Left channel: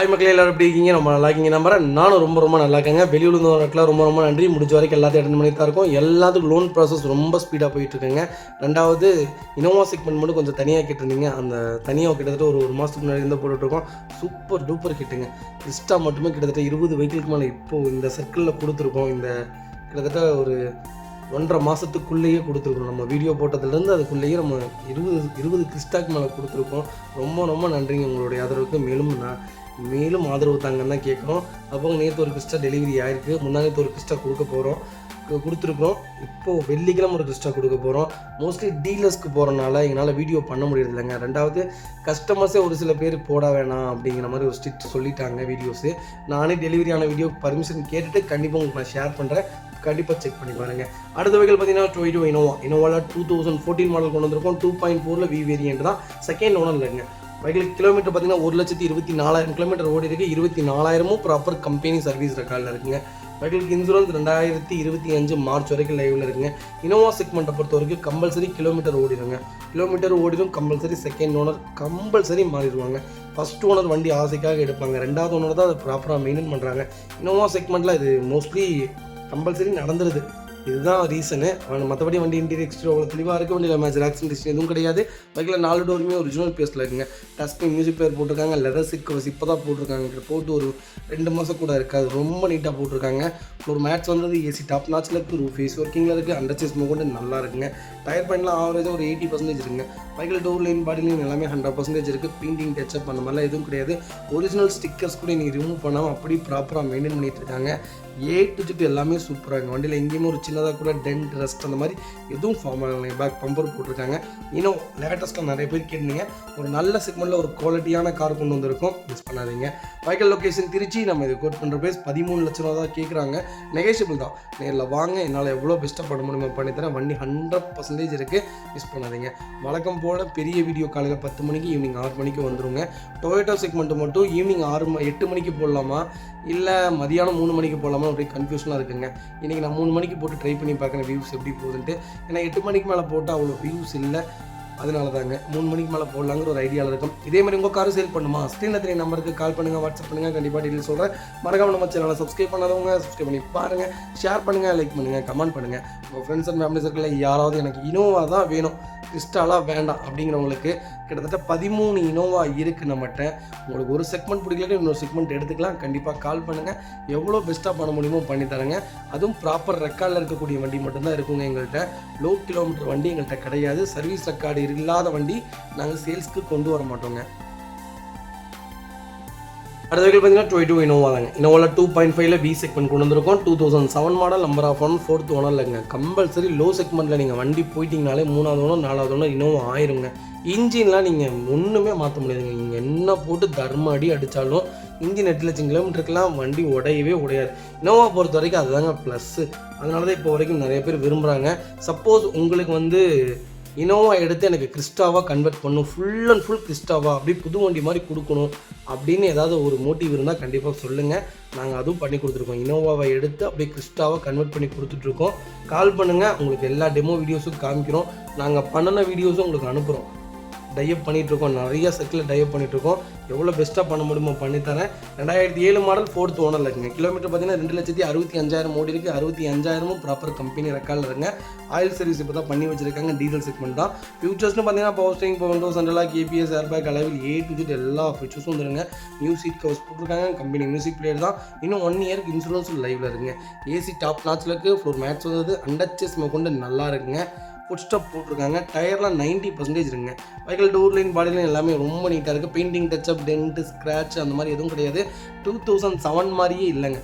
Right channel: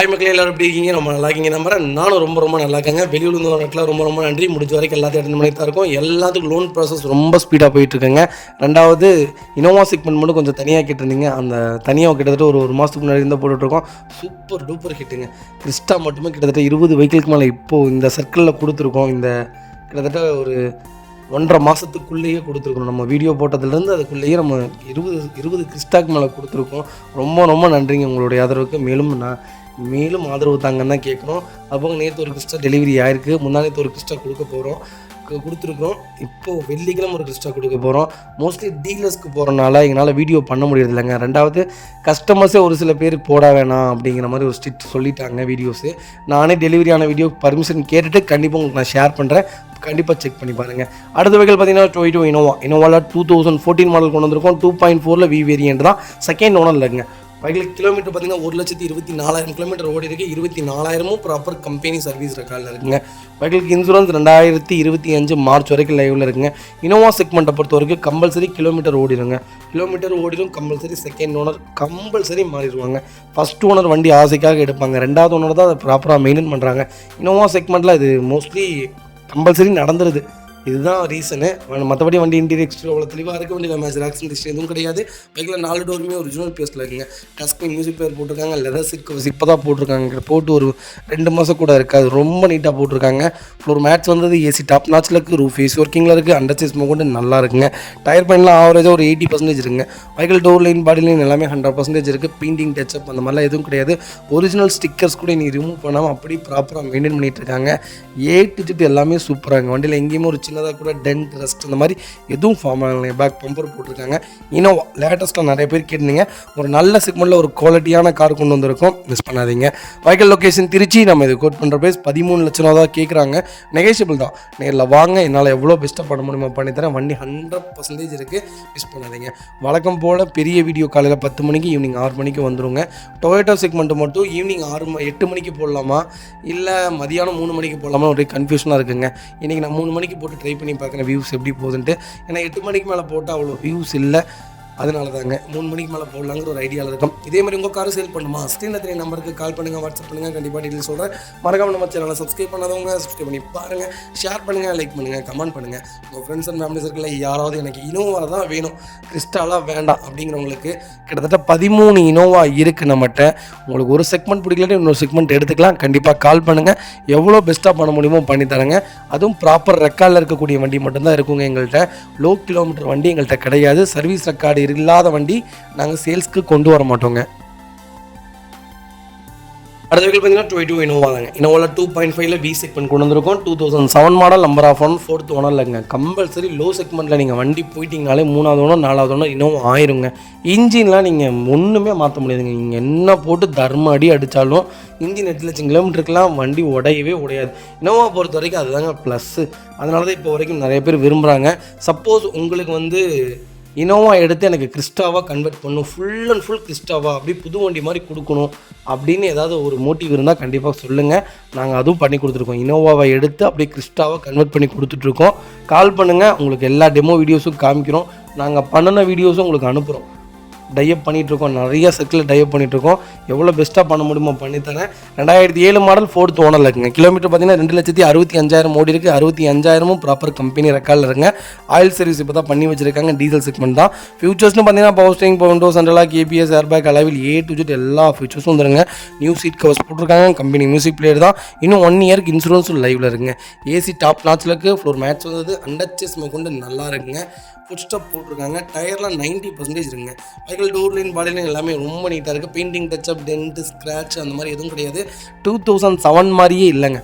Hi மக்களே, எல்லாரும் எப்படி இருக்கீங்க? ரொம்ப நல்லா இருக்கீங்க நம்புறேன். நானும் ரொம்ப நல்லா இருக்கேங்க. வெளியூர் இருந்தவங்களுக்குலாம் ரொம்ப நன்றி. முடிஞ்ச வரைக்கும் எல்லாத்தையும் அட்டன் பண்ணி தான் இருக்கும். எல்லாத்துக்கும் லோன் ப்ராசஸ் ரொம்ப ஸ்பீடாக போயிட்டுருக்குங்க. ரெண்டாவது இனோவா செக்மெண்ட் மட்டும் கொஞ்சம் தனியாக கேட்டிருந்தீங்க. அந்த தனியாக கிட்டத்தட்ட ஒரு மாதத்துக்கு முன்னாடி இருந்தால் போட்டுட்ருக்கோம். Super duper ஹிட்டுங்க. கிறிஸ்டா மட்டுமே கிட்டத்தட்ட 20 வெஹிக்கிளுக்கு மேலே இப்போது இந்த சர்க்கிளில் கொடுத்துருக்கோம். இந்த கிட்டத்தட்ட ஒரு 1.5 மாதத்துக்குள்ளேயே கொடுத்துருக்கோம். நம்ம வீடியோ போட்டதுலேருந்து அதுக்குள்ளேயே நம்ம 20 கிறிஸ்டாக்கு மேலே கொடுத்துருக்கோம். ரொம்ப நன்றிங்க உங்களுடைய ஆதரவுக்கு. மேலும் ஆதரவு தாங்கன்னு தான் கேட்குறோம். அப்போ நேற்று ஒரு கிறிஸ்டா டெலிவரி ஆகிருக்கு. முன்னாடி ஒரு கிறிஸ்டா கொடுத்துருக்குறோம். இப்போது வெள்ளிக்கிழமை ஒரு கிறிஸ்டா கொடுக்க போகிறோம். மோஸ்ட்லி டீலர்ஸ்க்கு போகிறனால எங்களால் வீடியோ பண்ண முடியறது இல்லைங்க. ரெண்டாவது கஸ்டமர்ஸே ஒரு சில பேர் போட வேணாம் அப்படிங்கிற மாதிரி ஒரு ஸ்ட்ரிக்ட் சொல்லிட்டாங்க வீடியோஸு. நானே டெலிவரியான வீடியோ பர்மிஷன் கேட்டுட்டு கண்டிப்பாக உங்களுக்கு நான் ஷேர் பண்ணுறேன். கண்டிப்பாக செக் பண்ணி பாருங்கள். அடுத்த வெஹிக்கிள் பார்த்தீங்கன்னா டொயோட்டா இனோவாவில் 2014 மாடல் கொண்டு வந்திருக்கோம். 2.4 வி வேரியன்ட் தான். செகண்ட் ஓனர் இல்லைங்க. வெஹிக்கிள் கிலோமீட்டர் பார்த்தீங்கன்னா 1,24,000 கிலோமீட்டர் ஓடி இருக்குது. 24,000 ப்ராப்பர் கம்பெனி சர்வீஸ் ரெக்கார்டில் இருக்குங்க. வெஹிக்கிளுக்கு இன்சூரன்ஸ் 2025 மார்ச் வரைக்கும் லைவில் இருக்குங்க. இனோவா செக்மெண்ட்டை பொறுத்த வரைக்கும் கம்பல்சரி கிலோமீட்டர் ஓடிடும் கம்பல்சரி. செகண்ட் ஓனர் கம்பல்சரி மாறிடுவாங்க. ஃபஸ்ட் ஓனர் வண்டி ஆசைக்காக எடுப்பாங்க. ரெண்டாவது ஓனர் தான் அதை ப்ராப்பராக மெயின்டைன் பண்ணுறாங்க. இனோவா செக்மெண்ட்டில் இது மோஸ்ட்லி கம்பல்சரி நடந்துருது. இதுதான் ரீசனு. மற்றபடி வண்டி இன்டீரியர் எக்ஸ்டீரியர் அவ்வளோ தெளிவாக இருக்க வண்டியில் மேட்ச் ஆக்சிடென்ட் எதுவும் கிடையாது. பைக்கில் 4 டோருமே ஒரிஜினல் பேஸில் இருக்குங்க. டஸ்க் மியூசிக் பிளேயர் போட்டிருக்காங்க. லெதர் சிக்ஸ் இப்போ தான் போட்டிருக்காங்க. போட்டு ஒரு 2 மாதம் கூட இருக்காது. ரொம்ப நீட்டாக போட்டிருக்காங்க. ஒரு மேட்ச் வந்தது ஏசி டாப் நாச்சில் இருக்குது. ரூஃப் ஏசி ஒர்க்கிங்கில் இருக்குது. அண்டர் ஸ்மோக் கொண்டு நல்லா இருக்குங்க. டயர் பாயிண்ட்லாம் ஆவரேஜாக ஒரு 80% இருக்குங்க. பைக்கில் டோர் லைன் பாடி லைன் எல்லாமே 100% இருக்குது. பெயிண்டிங் டச்சப் அந்த மாதிரிலாம் எதுவும் கிடையாது. ஒரிஜினல் ஸ்டிக்கர்ஸ் கூட நீங்கள் ரிமூவ் பண்ணாமல் அப்படி ப்ராப்பராக மெயின்டைன் பண்ணிகிட்டு இருக்காங்க. எல்லாமே சூப்பராக இருக்குது. வண்டியில் எங்கேயுமே ஒரு சின்னதாக கூட டென்ட் ரஸ்ட் அந்த மாதிரி எதுவும் ஃபார்ம் ஆகலைங்க. பேக் பம்பர் போட்டிருக்காங்க. இனோவா லேட்டஸ்ட்டாக நிறைய பேர் கேட்டீங்க. ஒரு நல்ல செக்மெண்ட்டில் ஒரு குவாலிட்டியான கார் கொண்டு வந்திருக்கோம். மிஸ் பண்ணாதீங்க. Vehicle location Trichy. நம்ம இது கோட் பண்ணுற ப்ரைஸ் 13 லட்சம் ரூபா தான் கேட்குறாங்க. நெகோஷியபிள் தான். நேரில் வாங்க. என்னால் எவ்வளோ பெஸ்ட்டாக பண்ண முடியுமோ பண்ணித்தரேன். வண்டி 100% இருக்குது. மிஸ் பண்ணாதீங்க. வழக்கம் போல் பெரிய வீடியோ காலையில் 10 மணிக்கு ஈவினிங் 6 மணிக்கு வந்துடுங்க. டொயோட்டா செக்மெண்ட்டு மட்டும் ஈவினிங் 8 மணிக்கு போடலாமா இல்லை மதியானம் 3 மணிக்கு போடலாமா ஒரே கன்ஃபியூஷனாக இருக்குங்க. இன்றைக்கி நான் 3 மணிக்கு போட்டு ட்ரை பண்ணி பார்க்குறேன் வியூஸ் எப்படி போகுதுன்ட்டு. ஏன்னா 8 மணிக்கு மேலே போட்டால் அவ்வளோ வியூஸ் இல்லை. அதனால தாங்க 3 மணிக்கு மேலே போடலாங்கிற ஒரு ஐடியாவில் இருக்கும். இதே மாதிரி உங்கள் கார் சேல் பண்ணுமா? ஸ்க்ரீனில் 3 நம்பருக்கு கால் பண்ணுங்கள், வாட்ஸ்அப் பண்ணுங்கள். கண்டிப்பாக டீட்டெயில் சொல்கிறேன். மறக்காம நம்ம சேனலை சப்ஸ்கிரைப் பண்ணாதவங்க சப்ஸ்கிரைப் பண்ணி பாருங்கள். ஷேர் பண்ணுங்கள், லைக் பண்ணுங்கள், கமெண்ட் பண்ணுங்கள். உங்கள் ஃப்ரெண்ட்ஸ் அண்ட் ஃபேமிலி சர்க்கிளில் யாராவது எனக்கு இனோவா தான் வேணும், கிறிஸ்டாலாம் வேண்டாம் அப்படிங்கிறவங்களுக்கு கிட்டத்தட்ட 13 இனோவா இருக்குது நம்மகிட்ட. உங்களுக்கு ஒரு செக்மெண்ட் பிடிக்கலன்னு இன்னொரு செக்மெண்ட் எடுத்துக்கலாம். கண்டிப்பாக கால் பண்ணுங்கள். எவ்வளோ பெஸ்ட்டாக பண்ண முடியுமோ பண்ணித்தரேங்க. அதுவும் ப்ராப்பர் ரெக்கார்டில் இருக்கக்கூடிய வண்டி மட்டும்தான் இருக்குங்க எங்கள்கிட்ட. லோ கிலோமீட்டர் வண்டி எங்கள்கிட்ட கிடையாது. சர்வீஸ் ரெக்கார்டு இல்லாத வண்டி நாங்கள் சேல்ஸ்க்கு கொண்டு வர மாட்டோங்க. அடுத்த வெஹிக்கிள் பார்த்தீங்கன்னா டொயோட்டா இனோவா தாங்க. இனோவாவில் 2.5 வி செக்மெண்ட் கொண்டு வந்திருக்கோம். 2007 model, number of one, 4th owner இல்லைங்க. கம்பல்சரி லோ செக்மெண்ட்டில் நீங்கள் வண்டி போயிட்டீங்கனாலே 3வது ஓனர் 4வது ஓனர் இனோவா ஆயிருங்க. இன்ஜின்லாம் நீங்கள் ஒன்றுமே மாற்ற முடியாதுங்க. நீங்கள் என்ன போட்டு தர்ம அடி அடித்தாலும் இன்ஜின் 8 லட்சம் கிலோமீட்டருக்குலாம் வண்டி உடையாது. இனோவா பொறுத்த வரைக்கும் அதுதாங்க ப்ளஸ்ஸு. அதனால தான் இப்போ வரைக்கும் நிறைய பேர் விரும்புகிறாங்க. சப்போஸ் உங்களுக்கு இனோவா எடுத்து எனக்கு கிறிஸ்டாவாக கன்வெர்ட் பண்ணணும், ஃபுல் அண்ட் ஃபுல் கிறிஸ்டாவா அப்படி புது வண்டி மாதிரி கொடுக்கணும் அப்படின்னு ஏதாவது ஒரு மோட்டிவ் இருந்தால் கண்டிப்பாக சொல்லுங்கள். நாங்கள் அதுவும் பண்ணி கொடுத்துருக்கோம். இனோவாவை எடுத்து அப்படியே கிறிஸ்டாவாக கன்வெர்ட் பண்ணி கொடுத்துட்ருக்கோம். கால் பண்ணுங்கள். உங்களுக்கு எல்லா டெமோ வீடியோஸும் காமிக்கிறோம். நாங்கள் பண்ணின வீடியோஸும் உங்களுக்கு அனுப்புகிறோம். டைப் பண்ணிகிட்ருக்கோம். நிறைய சர்க்கிளில் டைப் பண்ணிகிட்ருக்கோம். எவ்வளோ பெஸ்ட்டாக பண்ண முடியுமோ பண்ணித்தரேன். 2007 மாடல் 4th ஓனரில் இருக்குங்க. கிலோமீட்டர் பார்த்தீங்கன்னா 2,65,000 ஓடி இருக்குது. 65,000 ப்ராப்பர் கம்பெனி ரெக்கார்டில் இருக்குங்க. ஆயில் சர்வீஸ் இப்போ தான் பண்ணி வச்சுருக்காங்க. டீசல் செக்மெண்ட் தான். ஃபியூச்சர்ஸ்னு பார்த்தீங்கன்னா power steering, power windows, central lock, ABS, airbag, alloy wheel A to Z எல்லா ஃபியூச்சர்ஸும் வந்துருங்க. நியூ சீட் கவர்ஸ் போட்டிருக்காங்க. கம்பெனி மியூசிக் பிளேயர் தான். இன்னும் 1 இயருக்கு இன்சூரன்ஸும் லைவில் இருக்குங்க. ஏசி டாப் நாச்சில் இருக்குது. ஃப்ளோர் மேட்ச் வந்தது. அண்டர் ஸ்மோக் கொண்டு நல்லா இருக்குங்க. ஃபுட் ஸ்டெப் போட்டிருக்காங்க. டயர்லாம் 90% இருக்குங்க. Vehicle door line body line எல்லாமே ரொம்ப நீட்டாக இருக்குது. பெயிண்டிங் டச்சப், டென்ட், ஸ்க்ராட்ச் அந்த மாதிரி எதுவும் கிடையாது. 2007 மாதிரியே இல்லைங்க.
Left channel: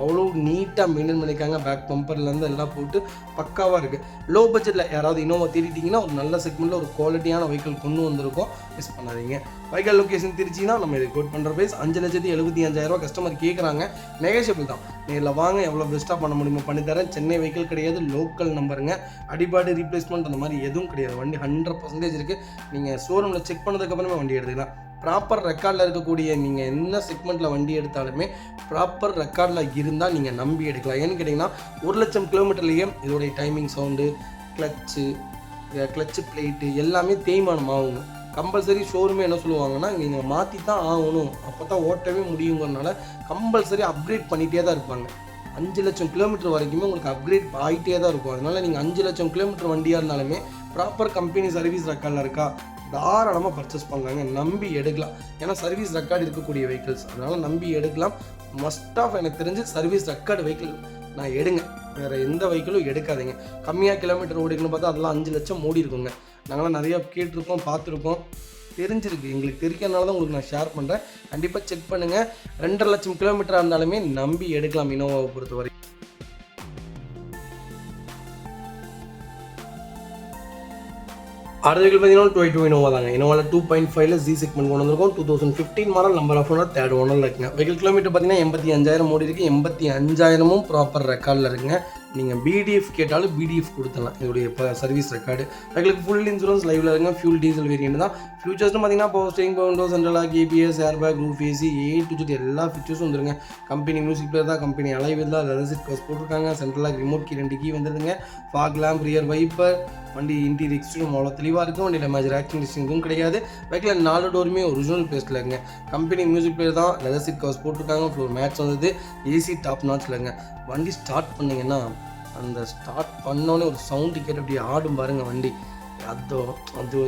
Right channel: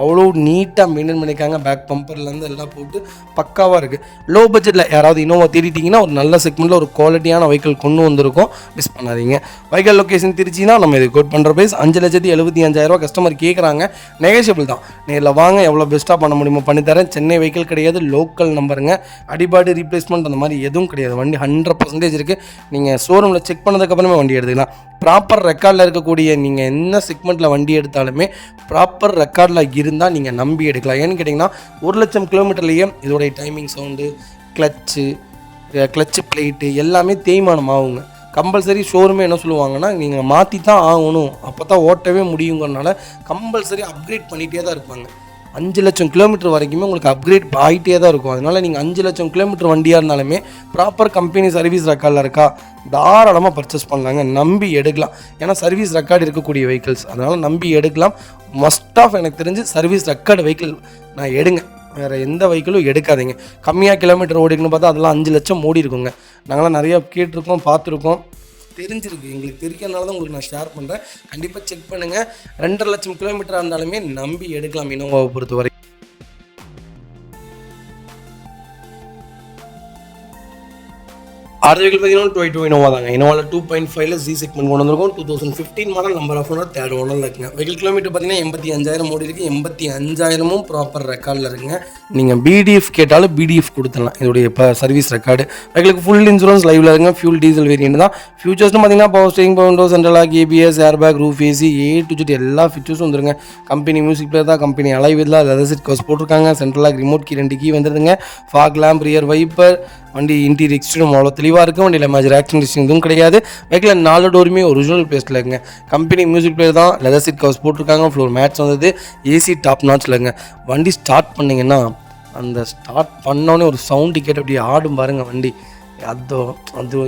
அவ்வளோ நீட்டாக மெயின்டைன் பண்ணியிருக்காங்க. பேக் பம்பர்லேருந்து எல்லாம் போட்டு பக்காவாக இருக்குது. லோ பட்ஜெட்டில் யாராவது இனோவா தேடிட்டிங்கன்னா ஒரு நல்ல செக்மெண்ட்டில் ஒரு குவாலிட்டியான வெஹிக்கிள் கொண்டு வந்திருக்கோம். மிஸ் பண்ணாதீங்க. வெஹிக்கிள் லொக்கேஷன் திருச்சினா நம்ம இது கோட் பண்ணுற ப்ரைஸ் 5,75,000 கஸ்டமர் கேட்குறாங்க. நெகோஷியபிள் தான். நேரில் வாங்க. எவ்வளோ பெஸ்ட்டாக பண்ண முடியுமோ பண்ணித்தரேன். சென்னை வெஹிக்கிள் கிடையாது, லோக்கல் நம்பருங்க. அடிபாடு ரீப்ளேஸ்மெண்ட் அந்த மாதிரி எதுவும் கிடையாது. வண்டி 100% இருக்குது. நீங்கள் ஷோரூமில் செக் பண்ணதுக்கப்புறமே வண்டி எடுத்துக்கலாம். ப்ராப்பர் ரெக்கார்டில் இருக்கக்கூடிய நீங்கள் என்ன செக்மெண்ட்டில் வண்டி எடுத்தாலுமே ப்ராப்பர் ரெக்கார்டில் இருந்தால் நீங்கள் நம்பி எடுக்கலாம். ஏன்னு கேட்டிங்கன்னா 1 லட்சம் கிலோமீட்டர்லேயே இதோடைய டைமிங் சவுண்டு, கிளச்சு பிளேட்டு எல்லாமே தேய்மானம் ஆகுங்க. கம்பல்சரி ஷோரூமே என்ன சொல்லுவாங்கன்னா நீங்கள் மாற்றி தான் ஆகணும், அப்போ தான் ஓட்டவே முடியுங்கிறனால கம்பல்சரி அப்கிரேட் பண்ணிகிட்டே தான் இருப்பாங்க. 5 லட்சம் கிலோமீட்டர் வரைக்குமே உங்களுக்கு அப்கிரேட் ஆகிட்டே தான் இருக்கும். அதனால் நீங்கள் 5 லட்சம் கிலோமீட்டர் வண்டியாக இருந்தாலுமே ப்ராப்பர் கம்பெனி சர்வீஸ் ரெக்கார்டில் இருக்கா, தாராளமாக பர்ச்சேஸ் பண்ணலாங்க, நம்பி எடுக்கலாம். ஏன்னா சர்வீஸ் ரெக்கார்டு இருக்கக்கூடிய வெஹிக்கிள்ஸ், அதனால் நம்பி எடுக்கலாம். மஸ்ட் ஆஃப் எனக்கு தெரிஞ்சு சர்வீஸ் ரெக்கார்டு வெஹிக்கிள் நான் எடுங்க, வேறு எந்த வெஹிக்கிளும் எடுக்காதீங்க. கம்மியாக கிலோமீட்டர் ஓடிக்கணும்னு பார்த்தா அதெல்லாம் 5 லட்சம் ஓடி இருக்குங்க. நாங்களாம் நிறையா கேட்டிருக்கோம், பார்த்துருக்கோம், தெரிஞ்சிருக்கு, எங்களுக்கு தெரியாதனால தான் உங்களுக்கு நான் ஷேர் பண்ணுறேன். கண்டிப்பாக செக் பண்ணுங்கள். 2.5 லட்சம் கிலோமீட்டராக இருந்தாலுமே நம்பி எடுக்கலாம் இனோவாவை பொறுத்தவரை. அடுத்த வெஹிக்கிள் பார்த்தீங்கன்னா 22 இனோவா தாங்க. இனோவாவில் 2.5 ஜி செக்மெண்ட் கொண்டு வந்திருக்கும். 2015 model, number of owner third ஓனரில் இருக்குங்க. வெஹிக்கிள் கிலோமீட்டர் பார்த்தீங்கன்னா 85,000 ஓடி இருக்குது. 85,000 ப்ராப்பர் ரெக்கார்டில் இருக்குங்க. நீங்கள் பிடிஎஃப் கேட்டாலும் பிடிஎஃப் கொடுத்துடலாம். இதோடைய இப்போ சர்வீஸ் ரெக்கார்டு. வெஹிக்கிளுக்கு ஃபுல் இன்சூரன்ஸ் லைவில் இருக்குங்க. ஃபியூல் டீசல் வேரியன்ட் தான். ஃபியூச்சர்ஸ்னு பார்த்தீங்கன்னா power steering, power window, central lock, ABS, air bag, roof AC, A to Z எல்லா ஃபீச்சர்ஸும் வந்துருங்க. கம்பெனி மியூசிக் பிளேயர் தான், company alloy wheel leather seat covers போட்டிருக்காங்க. Central lock, remote key 2 key வந்துடுதுங்க. ஃபாக் லேம்ப், ரியர் வைப்பர், வண்டி interior exterior அவ்வளோ தெளிவாக இருக்கும். வண்டியில் மேஜர் ஆக்சிடென்ட் எதுவும் கிடையாது. வெஹிக்கில் 4 டோருமே ஒரிஜினல் பேஸ்ட்டில் இருக்குங்க. கம்பெனி மியூசிக் பிளேயர் தான், லெதர் சீட் கவர்ஸ் போட்டிருக்காங்க. ஃப்ளோர் மேட்ச் வந்தது, ஏசி டாப் நாட்ச்சில் இருக்குங்க. வண்டி ஸ்டார்ட் பண்ணிங்கன்னா அந்த ஸ்டார்ட் பண்ணோன்னே ஒரு சவுண்டு கேட்டு அப்படியே ஆடும் பாருங்கள் வண்டி. அது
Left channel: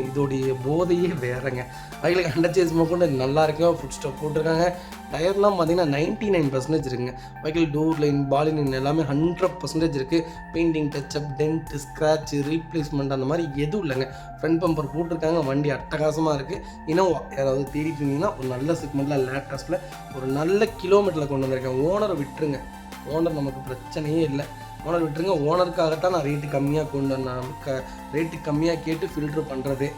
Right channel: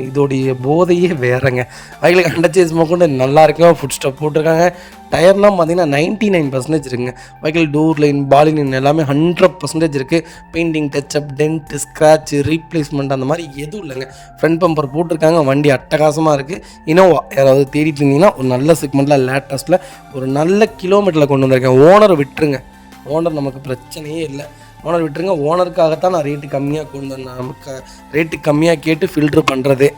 இதோடைய போதையே வேறங்க. வெஹிக்கிளுக்கு அண்டர்சேஸ் கொண்டு நல்லா இருக்கும். ஃபுட் ஸ்டாப் போட்டிருக்காங்க. டயர்லாம் பார்த்தீங்கன்னா 99% இருக்குங்க. Vehicle door line, body line எல்லாமே 100% இருக்குது. Painting, touch up, dent, scratch, replacement அந்த மாதிரி எதுவும் இல்லைங்க. ஃப்ரண்ட் பம்பர் போட்டிருக்காங்க. வண்டி அட்டகாசமாக இருக்குது. இனோவா யாராவது தேடிட்டு இருந்தீங்கன்னா ஒரு நல்ல செக்மெண்ட்டில் லேட்டஸ்ட்டில் ஒரு நல்ல கிலோமீட்டரில் கொண்டு வந்திருக்கேன். ஓனரை விட்டுருங்க, ஓனர் நமக்கு பிரச்சனையே இல்லை. ஓனர் விட்டுருங்க. ஓனருக்காகத்தான் நான் ரேட்டு கம்மியாக கொண்டு வந்தேன். நமக்கு ரேட்டு கம்மியாக கேட்டு ஃபில்ட்ரு பண்ணுறதே.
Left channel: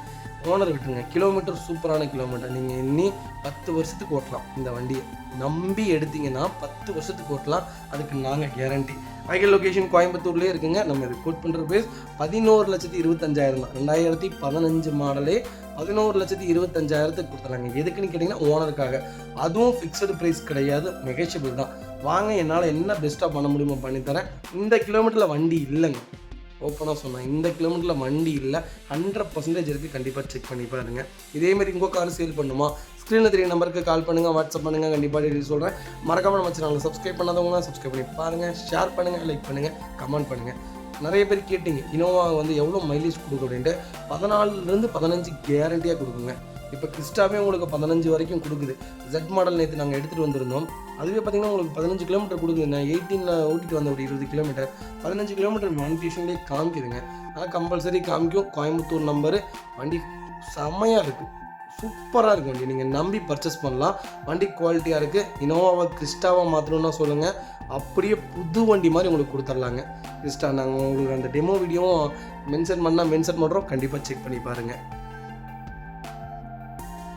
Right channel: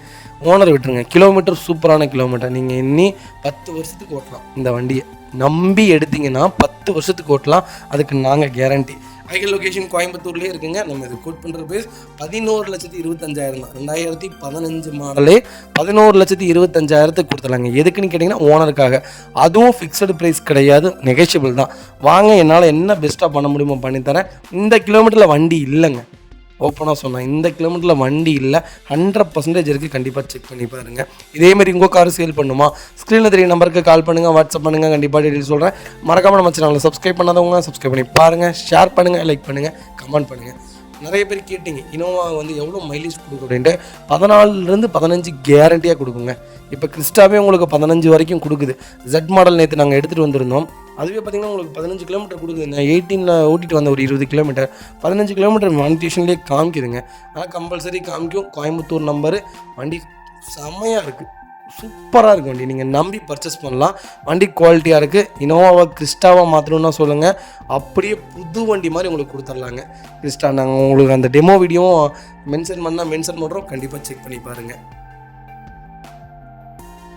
ஓனர் விட்டுருங்க. கிலோமீட்டர் சூப்பரான கிலோமீட்டர். நீங்கள் இன்னி 10 வருஷத்துக்கு ஓட்டலாம். இந்த வண்டியை நம்பி எடுத்தீங்கன்னா 10 வருஷத்துக்கு ஓட்டலாம். அதுக்கு நாங்கள் கேரண்டி. வெஹிக்கிள் லொக்கேஷன் கோயம்புத்தூர்லேயே இருக்குங்க. நம்ம இது கோட் பண்ணுற ப்ரைஸ் 11,25,000 தான். 2015 மாடலே 11,25,000 கொடுத்துலாங்க. எதுக்குன்னு கேட்டிங்கன்னா ஓனருக்காக. அதுவும் ஃபிக்ஸடு ப்ரைஸ் கிடையாது, நெகோஷியபிள் தான். வாங்க, என்னால் என்ன பெஸ்ட்டாக பண்ண முடியுமோ பண்ணித்தரேன். இந்த கிலோமீட்டரில் வண்டி இல்லைங்க, ஓப்பனாக சொன்னேன். இந்த கிலோமீட்டரில் வண்டி இல்லை, 100% இருக்குது. கண்டிப்பாக செக் பண்ணி பாருங்கள். இதேமாதிரி உங்கள் கார் சேல் பண்ணுமா, ஸ்க்ரீனில் தெரிய நம்பருக்கு கால் பண்ணுங்கள், வாட்ஸ்அப் பண்ணுங்கள். கண்டிப்பாக டீட்டெயில் சொல்கிறேன். மறக்காமல் நம்ம சேனலில் சப்ஸ்கிரைப் பண்ணாதவங்க சப்ஸ்கிரைப் பண்ணி பாருங்கள். ஷேர் பண்ணுங்கள், லைக் பண்ணுங்கள், கமெண்ட் பண்ணுங்கள். நிறைய பேர் கேட்டிங்க இனோவா எவ்வளோ மைலேஜ் கொடுக்கும் அப்படின்ட்டு. 14 to 15 கேரண்டியாக கொடுக்குங்க. இப்போ கிறிஸ்டாவே உங்களுக்கு 15 வரைக்கும் கொடுக்குது. Z மாடல் நேற்று நாங்கள் எடுத்துகிட்டு வந்திருந்தோம். அதுவே பார்த்திங்கன்னா உங்களுக்கு 15 கிலோமீட்டர் கொடுக்குது. நான் 18 ஓட்டிகிட்டு வந்த ஒரு 20 கிலோமீட்டர் 15 கிலோமீட்டர் மானிட்டேஷன்லேயே காமிக்குதுங்க. ஆனால் கம்பல்சரி காமிக்கும். கோயம்புத்தூர் நம்பரு. வண்டி செம்மையாக இருக்குது, சூப்பராக இருக்குது வண்டி. நீங்கள் நம்பி பர்ச்சேஸ் பண்ணலாம். வண்டி குவாலிட்டியாக இருக்குது. இனோவாவை கிறிஸ்டாவாக மாற்றணுன்னா சொல்லுங்கள், அப்படியே புது வண்டி மாதிரி உங்களுக்கு கொடுத்துர்லாங்க. கிறிஸ்டா நாங்கள் உங்களுக்கு அந்த டெமோ வீடியோவும் மென்ஷன் பண்ணுறோம். கண்டிப்பாக செக் பண்ணி பாருங்கள்.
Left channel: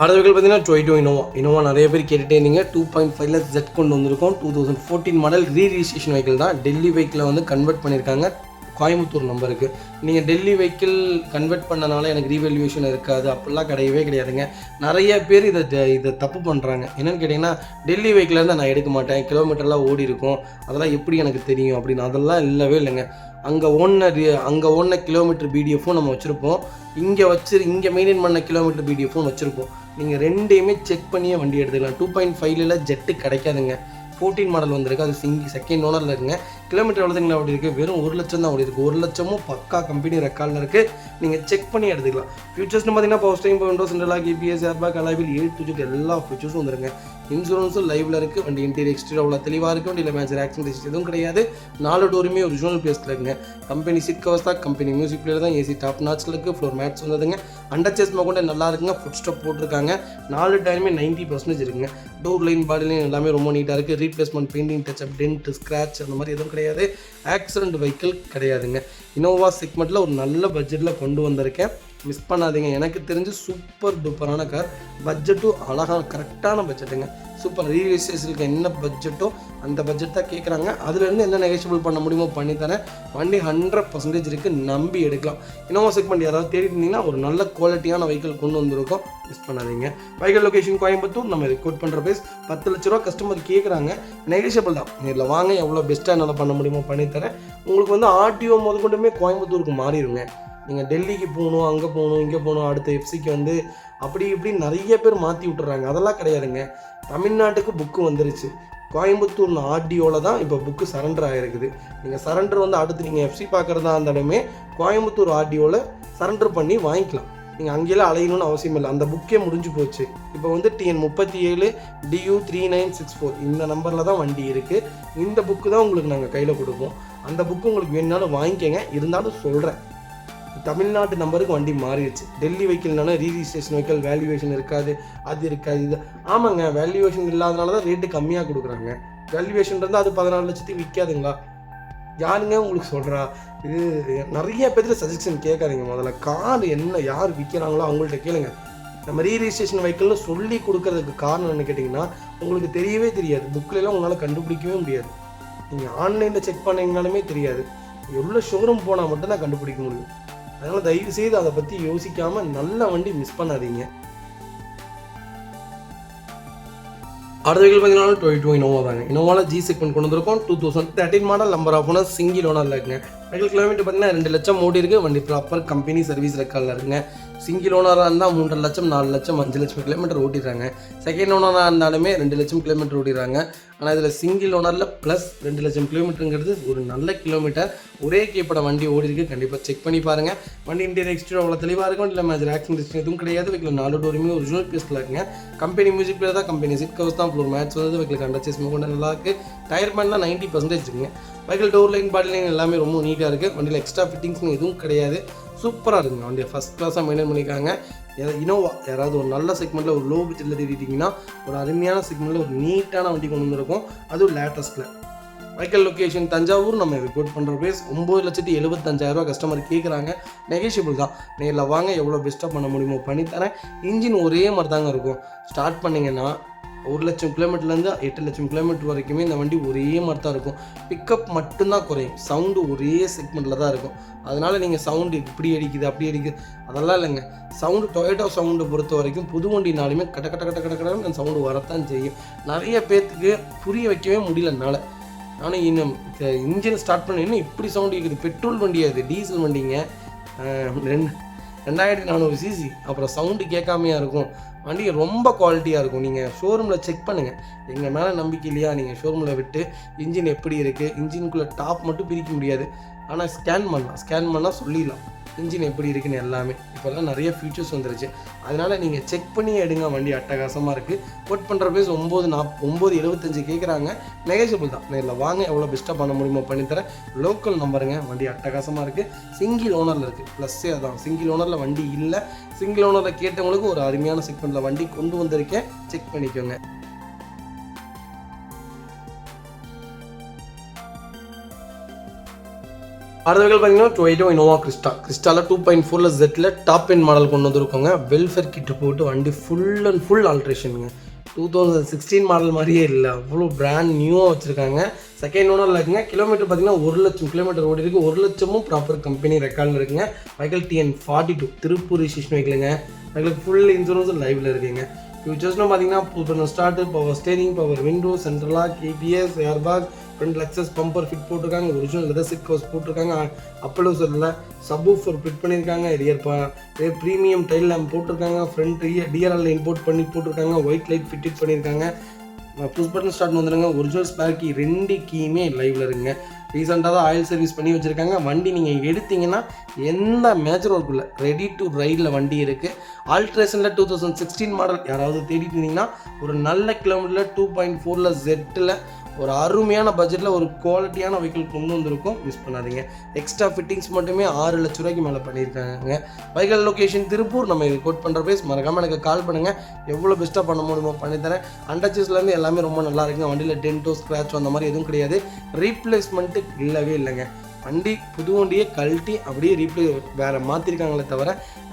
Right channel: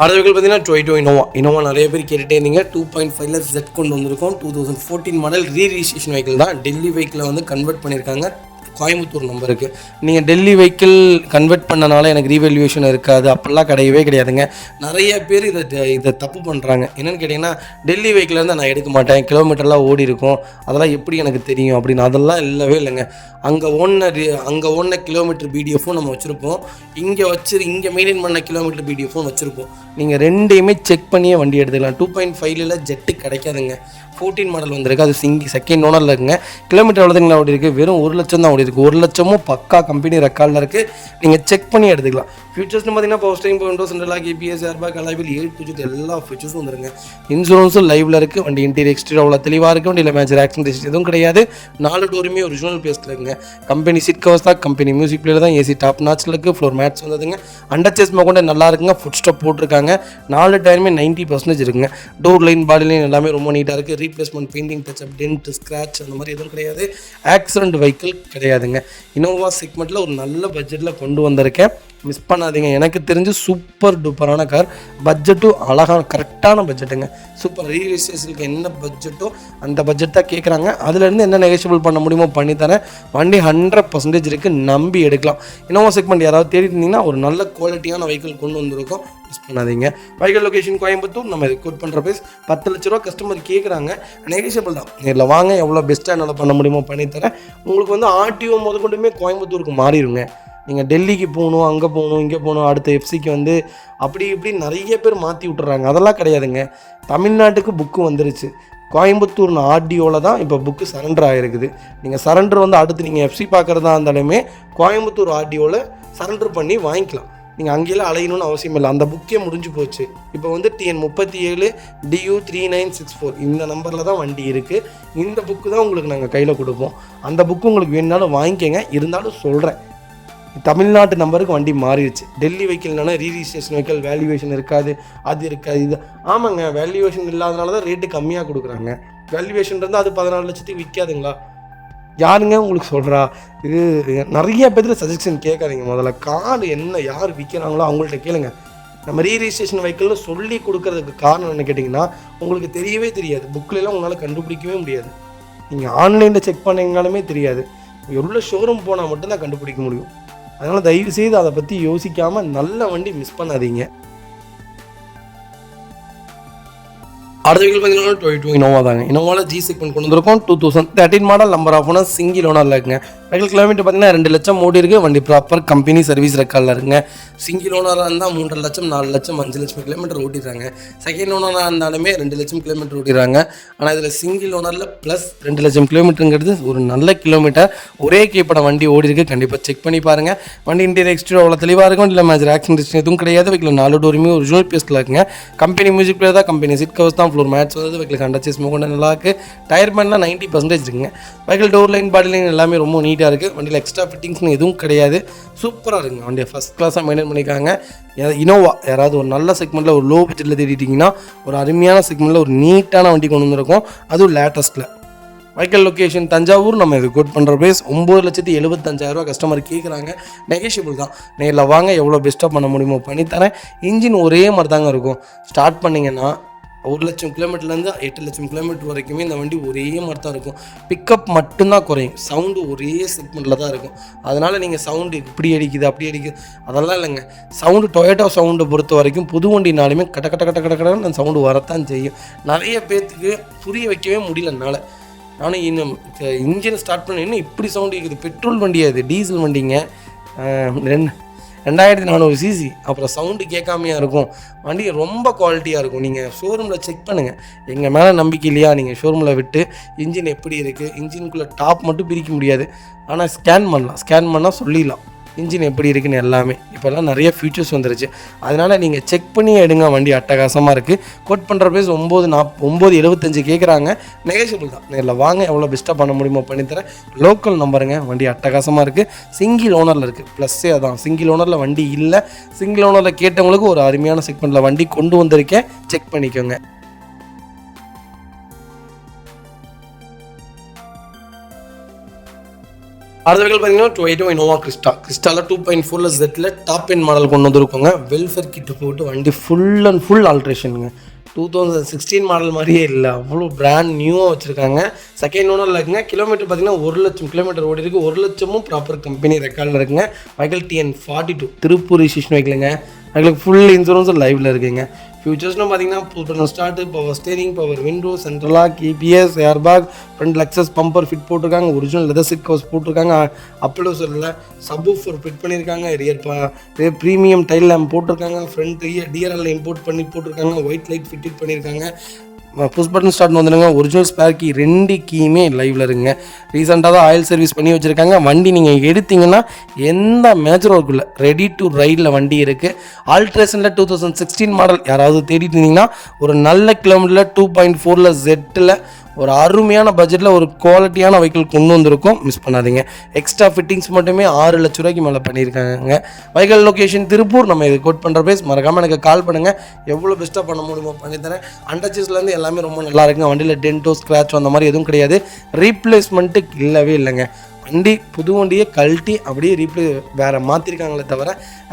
அடுத்த வெஹிக்கிள் பார்த்தீங்கன்னா 22 இனோவா நிறைய பேர் கேட்டுகிட்டே இருந்தீங்க. 2.5 Z கொண்டு வந்திருக்கோம். 2014 மாடல் ரீரிஜிஸ்ட்ரேஷன் வெஹிக்கிள் தான். டெல்லி வெஹிக்கிளை கன்வெர்ட் பண்ணியிருக்காங்க. கோயம்புத்தூர் நம்பருக்கு. நீங்கள் டெல்லி வெஹிக்கிள் கன்வெர்ட் பண்ணனால எனக்கு ரீவேல்யூவேஷன் இருக்காது அப்படிலாம் கிடையாதுங்க. நிறைய பேர் இதை தப்பு பண்ணுறாங்க. என்னென்னு கேட்டிங்கன்னா, டெல்லி வெஹிக்கிள் இருந்தால் நான் எடுக்க மாட்டேன், கிலோமீட்டர்லாம் ஓடி இருக்கும், அதெல்லாம் எப்படி எனக்கு தெரியும் அப்படின்னு. அதெல்லாம் இல்லவே இல்லைங்க. அங்கே ஓடின கிலோமீட்டர் பிடிஎஃப்பும் நம்ம வச்சுருப்போம். இங்கே மெயின்டைன் பண்ண கிலோமீட்டர் பிடிஎஃப்பும் வச்சுருப்போம். நீங்கள் ரெண்டையுமே செக் பண்ணியே வண்டி எடுத்துக்கலாம். 2.5 ஜெட்டு கிடைக்காதுங்க. 14 மாடல் வந்திருக்கு. அது செகண்ட் ஓனரில் இருக்குங்க. கிலோமீட்டர் எவ்வளோதுங்களா ஓடி இருக்குது? வெறும் 1 லட்சம் தான் ஓடி இருக்குது. 1 லட்சமும் பக்கா கம்பெனி ரெக்கார்டில் இருக்குது. நீங்கள் செக் பண்ணி எடுத்துக்கலாம். ஃபீச்சர்ஸ்னு பார்த்தீங்கன்னா power steering, power window, central lock, ABS, air bag, alloy wheel A to Z எல்லா ஃபீச்சர்ஸும் வந்துருங்க. இன்சூரன்ஸும் லைவில் இருக்குது. வண்டி இன்டீரியர் எக்ஸ்டீரியர் அவ்வளோ தெளிவாக இருக்குது. வண்டியில் மேஜர் ஆக்சிடென்ட் எதுவும் கிடையாது. 4 டோருமே ஒரிஜினல் பேஸ்ட்டில் இருக்குங்க. கம்பெனி சீட் கவர்ஸ் தான், கம்பெனி மியூசிக் பிளேயர் தான், ஏசி டாப் நாட்ச்சில் இருக்குது. ஃப்ளோர் மேட்ச் வந்ததுங்க. அண்டர்சேஸ் கொண்டு நல்லா இருக்குங்க. ஃபுட் ஸ்டாப் போட்டிருக்காங்க. 4 டயருமே 90% இருக்குங்க. டோர் லைன், பாடி லைன் எல்லாமே ரொம்ப நீட்டாக இருக்குது. Replacement, painting, touch up, dent, scratch அந்த மாதிரி எதுவும் கிடையாது. ஆக்சிடென்ட் வெஹிக்கிள் கிடையாதுங்க. இனோவா செக்மெண்ட்டில் ஒரு நல்ல பட்ஜெட்டில் கொண்டு வந்திருக்கேன். மிஸ் பண்ணாதீங்க. எனக்கு தெரிஞ்சு சூப்பர் டூப்பரான கார். பட்ஜெட்டும் அழகான கரெக்டான பட்ஜெட்டுங்க. சூப்பர். ரீரிஜிஸ்ட்ரேஷனுக்கு என்ன பட்ஜெட்டோ அந்த பட்ஜெட் தான் கேட்குறாங்க. அதுலேருந்து என்ன நெகோஷியபிள் பண்ண முடியுமோ பண்ணித்தரேன். வண்டி 100% இருக்குது, நம்பி எடுக்கலாம். இனோவா செக்மெண்ட் யாராவது தேடி இருந்தீங்கன்னா ஒரு நல்ல குவாலிட்டியான வெஹிக்கிள் கொண்டு வந்திருக்கோம். மிஸ் பண்ணாதீங்க. Vehicle location Coimbatore. நம்ம கோட் பண்ணுற ப்ரைஸ் 10 லட்ச ரூபா. கஸ்டமர் கேட்குறாங்க, நெகோஷியபிள் தான். நேரில் வாங்க, எவ்வளோ பெஸ்ட்டாக என்னால் பண்ண முடியுமோ பண்ணித்தரேன். உங்களுக்கு ஆர்டிஓ முதற்கொண்டுமே கோயம்புத்தூருக்கு மாறிடுங்க. நீங்கள் டெல்லிக்கு போகணும், அங்கே போகணும், இங்கே போகணும், அடுத்த எஃப்சிக்கு வந்து அப்படி இப்படி நிறைய பேர் மாற்றி விட்டுறாங்க. அதெல்லாம் கிடையாதுங்க. தமிழ்நாட்டுக்கு புக்கு வந்துருச்சு. கோயம்புத்தூர் ஆர்டிஓவில் தான் இப்போ புக்கு சரண்டர் ஆகிருக்குது. நீங்கள் சரண்டர் வந்து அடுத்து நீங்கள் எஃப்சி பார்க்குறதா இருந்தாலுமே கோயம்புத்தூர் ஆர்டிஓவில் சரண்டர் பண்ணி வாங்கிக்கலாம். நீங்கள் அங்கேயெல்லாம் அலையணும்னு அவசியம் இல்லை. அந்த புக்கே முடிஞ்சு போச்சு. இப்போ வந்து TN37 DU 3964 இந்த நம்பரில் தான் வண்டி இருக்குது. இந்த புக்கு தான் உங்களுக்கு நாங்கள் கையில் கொடுப்போம். அந்த புக்கு உங்களுக்கு வேணுனாலும் வாங்கிக்கங்க. இருந்தாலும் சொல்கிறேன், தமிழ்நாட்டு நம்பருக்கு வண்டி மாறிடுச்சு. டெல்லி வெஹிக்கிள்னால ரீரிஜிஸ்ட்ரேஷன் வெஹிக்கிள் வேல்யூவேஷன் இருக்காது, அது இருக்காது, இது ஆமாங்க. வேல்யூவேஷன் இல்லாதனால தான் ரேட்டு கம்மியாக கொடுக்குறாங்க. வேல்யூவேஷன் இருந்தால் அது 14 லட்சத்துக்கு விற்காதுங்களா? யாருங்க உங்களுக்கு சொல்கிறா? இது நிறைய பேருக்கு சஜஷன் கேட்காதீங்க. முதல்ல கார் என்ன யார் விற்கிறாங்களோ அவங்கள்ட்ட கேளுங்க. நம்ம ரீரிஜிஸ்ட்ரேஷன் வெஹிக்கிள்னு சொல்லி கொடுக்கறதுக்கு காரணம் என்ன கேட்டிங்கன்னா, உங்களுக்கு தெரியவே தெரியாது. புக்கிலலாம் உங்களால் கண்டுபிடிக்கவே முடியாது. நீங்கள் ஆன்லைனில் செக் பண்ணிங்கனாலுமே தெரியாது. எவ்வளோ ஷோரூம் போனால் மட்டும்தான் கண்டுபிடிக்க முடியும். அதனால் தயவுசெய்து அதை பற்றி யோசிக்காமல் நல்ல வண்டி மிஸ் பண்ணாதீங்க. அடுத்த வீட்டில் பார்த்தீங்கன்னா 22 இனோவா தாங்க. இனோவாவில் G செக்மெண்ட் கொண்டு வந்திருக்கோம். 2013 model, number of owner, single ஓனரில் இருக்குங்க. வெஹிக்கிள் கிலோமீட்டர் பார்த்தீங்கன்னா 2 லட்சம் ஓடி இருக்குது. வண்டி ப்ராப்பர் கம்பெனி சர்வீஸ் ரெக்கார்டில் இருக்குங்க. சிங்கிள் ஓனராக இருந்தால் 3.5 லட்சம், 4 லட்சம், 5 லட்சம் கிலோமீட்டர் ஓட்டிடுறாங்க. செகண்ட் ஓனராக இருந்தாலுமே 2 லட்சம் கிலோமீட்டர் ஓட்டிடுறாங்க. ஆனால் இதில் சிங்கிள் ஓனரில் ப்ளஸ் 2 லட்சம் கிலோமீட்டருங்கிறது ஒரு நல்ல கிலோமீட்டர். ஒரே கீப்பட வண்டி ஓடி இருக்குது. கண்டிப்பாக செக் பண்ணி பாருங்கள். வண்டி இன்டீரியர் எக்ஸ்டீரியர் அவ்வளோ தெளிவாக இருக்கும். இல்லை மேஜர் ஆக்சிடென்ட் எதுவும் கிடையாது. வெஹிக்கிள் 4 டோருமே ஒரிஜினல் பீஸில் இருக்குங்க. கம்பெனி மியூசிக் பிளேயர் தான், கம்பெனி சீட் கவர்ஸ் தான், ஃப்ளோர் மேட்ச் வருது. வெஹிக்கிள் கண்டச்சஸ் மூவ்மெண்ட் நல்லா இருக்குது. டயர் பேண்ட்லாம் 90% இருக்குங்க. Vehicle door line, body line எல்லாமே ரொம்ப நீட்டாக இருக்குது. வண்டியில் எக்ஸ்ட்ரா ஃபிட்டிங்ஸ்னு எதுவும் கிடையாது. சூப்பராக இருக்குங்க. வண்டியை ஃபஸ்ட் கிளாஸாக மெயின்டைன் பண்ணியிருக்காங்க. இனோவா யாராவது ஒரு நல்ல செக்மெண்ட்டில் ஒரு லோ பட்ஜெட்டில் தேடிட்டிங்கன்னா ஒரு அருமையான செக்மெண்ட்டில் ஒரு நீட்டான வண்டி கொண்டு வந்திருக்கோம். அதுவும் லேட்டஸ்ட்டில். Vehicle location Thanjavur. நம்ம இது கோட் பண்ணுற ப்ரைஸ் 9,75,000 கஸ்டமர் கேட்குறாங்க. நெகோஷியபிள் தான். நேரில் வாங்க, எவ்வளோ பெஸ்ட்டாக பண்ண முடியுமோ பண்ணித்தரேன். இன்ஜின் ஒரே மாதிரி தாங்க இருக்கும். ஸ்டார்ட் பண்ணிங்கன்னா 1 லட்சம் கிலோமீட்டர்லேருந்து 8 லட்சம் கிலோமீட்டர் வரைக்குமே இந்த வண்டி ஒரே மாதிரி தான் இருக்கும். பிக்கப் மட்டும்தான் குறையும். சவுண்டு ஒரே செக்மெண்ட்டில் தான் இருக்கும். அதனால் நீங்கள் சவுண்டு இப்படி அடிக்குது அப்படி அடிக்குது அதெல்லாம் இல்லைங்க. சவுண்டு டொயோட்டோ சவுண்டை பொறுத்த வரைக்கும் புது வண்டினாலுமே கட்ட கட்ட கட்ட கட்ட கடன்னு அந்த சவுண்டு வரத்தான் செய்யும். நிறைய பேர்த்துக்கு புரிய வைக்கவே முடியல என்னால். ஆனால் இன்னும் இன்ஜினை ஸ்டார்ட் பண்ண இன்னும் இப்படி சவுண்டு இருக்குது. பெட்ரோல் வண்டி, அது டீசல் வண்டிங்க. 2400 சிசி. அப்புறம் சவுண்டு கேட்காமையா இருக்கும். வண்டி ரொம்ப குவாலிட்டியாக இருக்கும். நீங்கள் ஷோரூமில் செக் பண்ணுங்கள். எங்கள் மேலே நம்பிக்கை இல்லையா, நீங்கள் ஷோரூமில் விட்டு இன்ஜின் எப்படி இருக்குது, இன்ஜினுக்குள்ளே டாப் மட்டும் பிரிக்க முடியாது. ஆனால் ஸ்கேன் பண்ணால் சொல்லிடலாம் இன்ஜின் எப்படி இருக்குன்னு எல்லாமே. இப்போல்லாம் நிறைய ஃபீச்சர்ஸ் வந்துருச்சு. அதனால் நீங்கள் செக் பண்ணி எடுங்க. வண்டி அட்டகாசமாக இருக்குது. கோட் பண்ணுற ப்ரைஸ் 9,75 கேட்குறாங்க. நெகோஷியபிள் தான். நேரில் வாங்க, எவ்வளோ பெஸ்ட்டாக பண்ண முடியுமோ பண்ணித்தரேன். லோக்கல் நம்பருங்க. வண்டி அட்டகாசமாக இருக்குது. சிங்கிள் ஓனரில் இருக்குது. ப்ளஸ்ஸே அதான், சிங்கிள் ஓனரில் வண்டி இல்லை. சிங்கிள் ஓனரில் கேட்டவங்களுக்கு ஒரு அருமையான செக்மெண்ட்டில் வண்டி கொண்டு வந்திருக்கேன். செக் பண்ணிக்கோங்க. அடுத்த வெஹிக்கிள் பார்த்தீங்கன்னா 22 இனோவா கிறிஸ்டாவில் 2.4 ஜெட்டில் டாப் எண்ட் மாடல் கொண்டு வந்துருக்கோங்க. வெல்ஃபேர் கிட்டு போட்டு வண்டி ஃபுல் அண்ட் ஃபுல் ஆல்ட்ரேஷனுங்க. 2016 மாடல் மாதிரியே இல்லை, அவ்வளோ பிராண்ட் நியூவாக வச்சுருக்காங்க. செகண்ட் ஓனரில் இருக்குங்க. கிலோமீட்டர் பார்த்தீங்கன்னா 1 லட்சம் கிலோமீட்டர் ஓடி இருக்குது. 1 லட்சமும் ப்ராப்பர் கம்பெனி ரெக்கார்டில் இருக்குங்க. வெஹிக்கிள் TN42 திருப்பூர் ரிஜிஸ்ட்ரேஷன் வெஹிக்கிளுங்க. வெஹிக்கிளுக்கு ஃபுல் இன்சூரன்ஸும் லைவில் இருக்குங்க. ஃபியூச்சர்ஸ்னு பார்த்தீங்கன்னா புது start, power steering, power window, சென்ட்ரலாக KPS, airbag, front Lexus bumper fit போட்டிருக்காங்க. ஒரிஜினல் லெதர் சீட் கவர்ஸ் போட்டிருக்காங்க. அப்பலோஸில் சப்வூஃபர் ஃபிட் பண்ணியிருக்காங்க. ரியர் ப்ரீமியம் டைல் லேம்ப் போட்டிருக்காங்க. ஃப்ரண்ட் DRL இம்போர்ட் பண்ணி போட்டிருக்காங்க. ஒயிட் லைட் ஃபிட் பண்ணியிருக்காங்க. புஷ் பட்டன் ஸ்டார்ட் வந்துடுங்க. ஒரிஜினல் ஸ்பேர் கீ 2 கீயுமே லைவில் இருக்குங்க. ரீசெண்டாக தான் ஆயில் சர்வீஸ் பண்ணி வச்சுருக்காங்க. வண்டி நீங்கள் எடுத்திங்கன்னா எந்த மேஜர் ஒர்க் இல்லை, ரெடி டு ரைடில் வண்டி இருக்குது. ஆல்ட்ரேஷனில் 2016 மாடல் யாராவது தேடிட்டு இருந்தீங்கன்னா ஒரு நல்ல கிலோமீட்டரில் 2.4 ஜெட்டில் ஒரு அருமையான பட்ஜெட்டில் ஒரு குவாலிட்டியான வெஹிக்கிள் கொண்டு வந்திருக்கும். மிஸ் பண்ணாதீங்க. எக்ஸ்ட்ரா ஃபிட்டிங்ஸ் மட்டுமே 6 லட்ச ரூபாய்க்கு மேலே பண்ணியிருக்காங்க. Vehicle location Tiruppur. நம்ம இது கோட் பண்ணுற ப்ரைஸ் மறக்காமல் எனக்கு கால் பண்ணுங்கள். எவ்வளோ பெஸ்ட்டாக பண்ண முடியுமோ பண்ணித்தரேன். அண்டர்ச்சேஸ்லேருந்து எல்லாமே ரொம்ப நல்லா இருக்குங்க. வண்டியில் டென்ட்டோ ஸ்க்ராட்ச் அந்த மாதிரி எதுவும் கிடையாது. ரீப்ளேஸ்மெண்ட்டு இல்லவே இல்லைங்க. வண்டி புது வண்டியை கழட்டி அப்படியே வேறு மாற்றிருக்காங்களே தவிர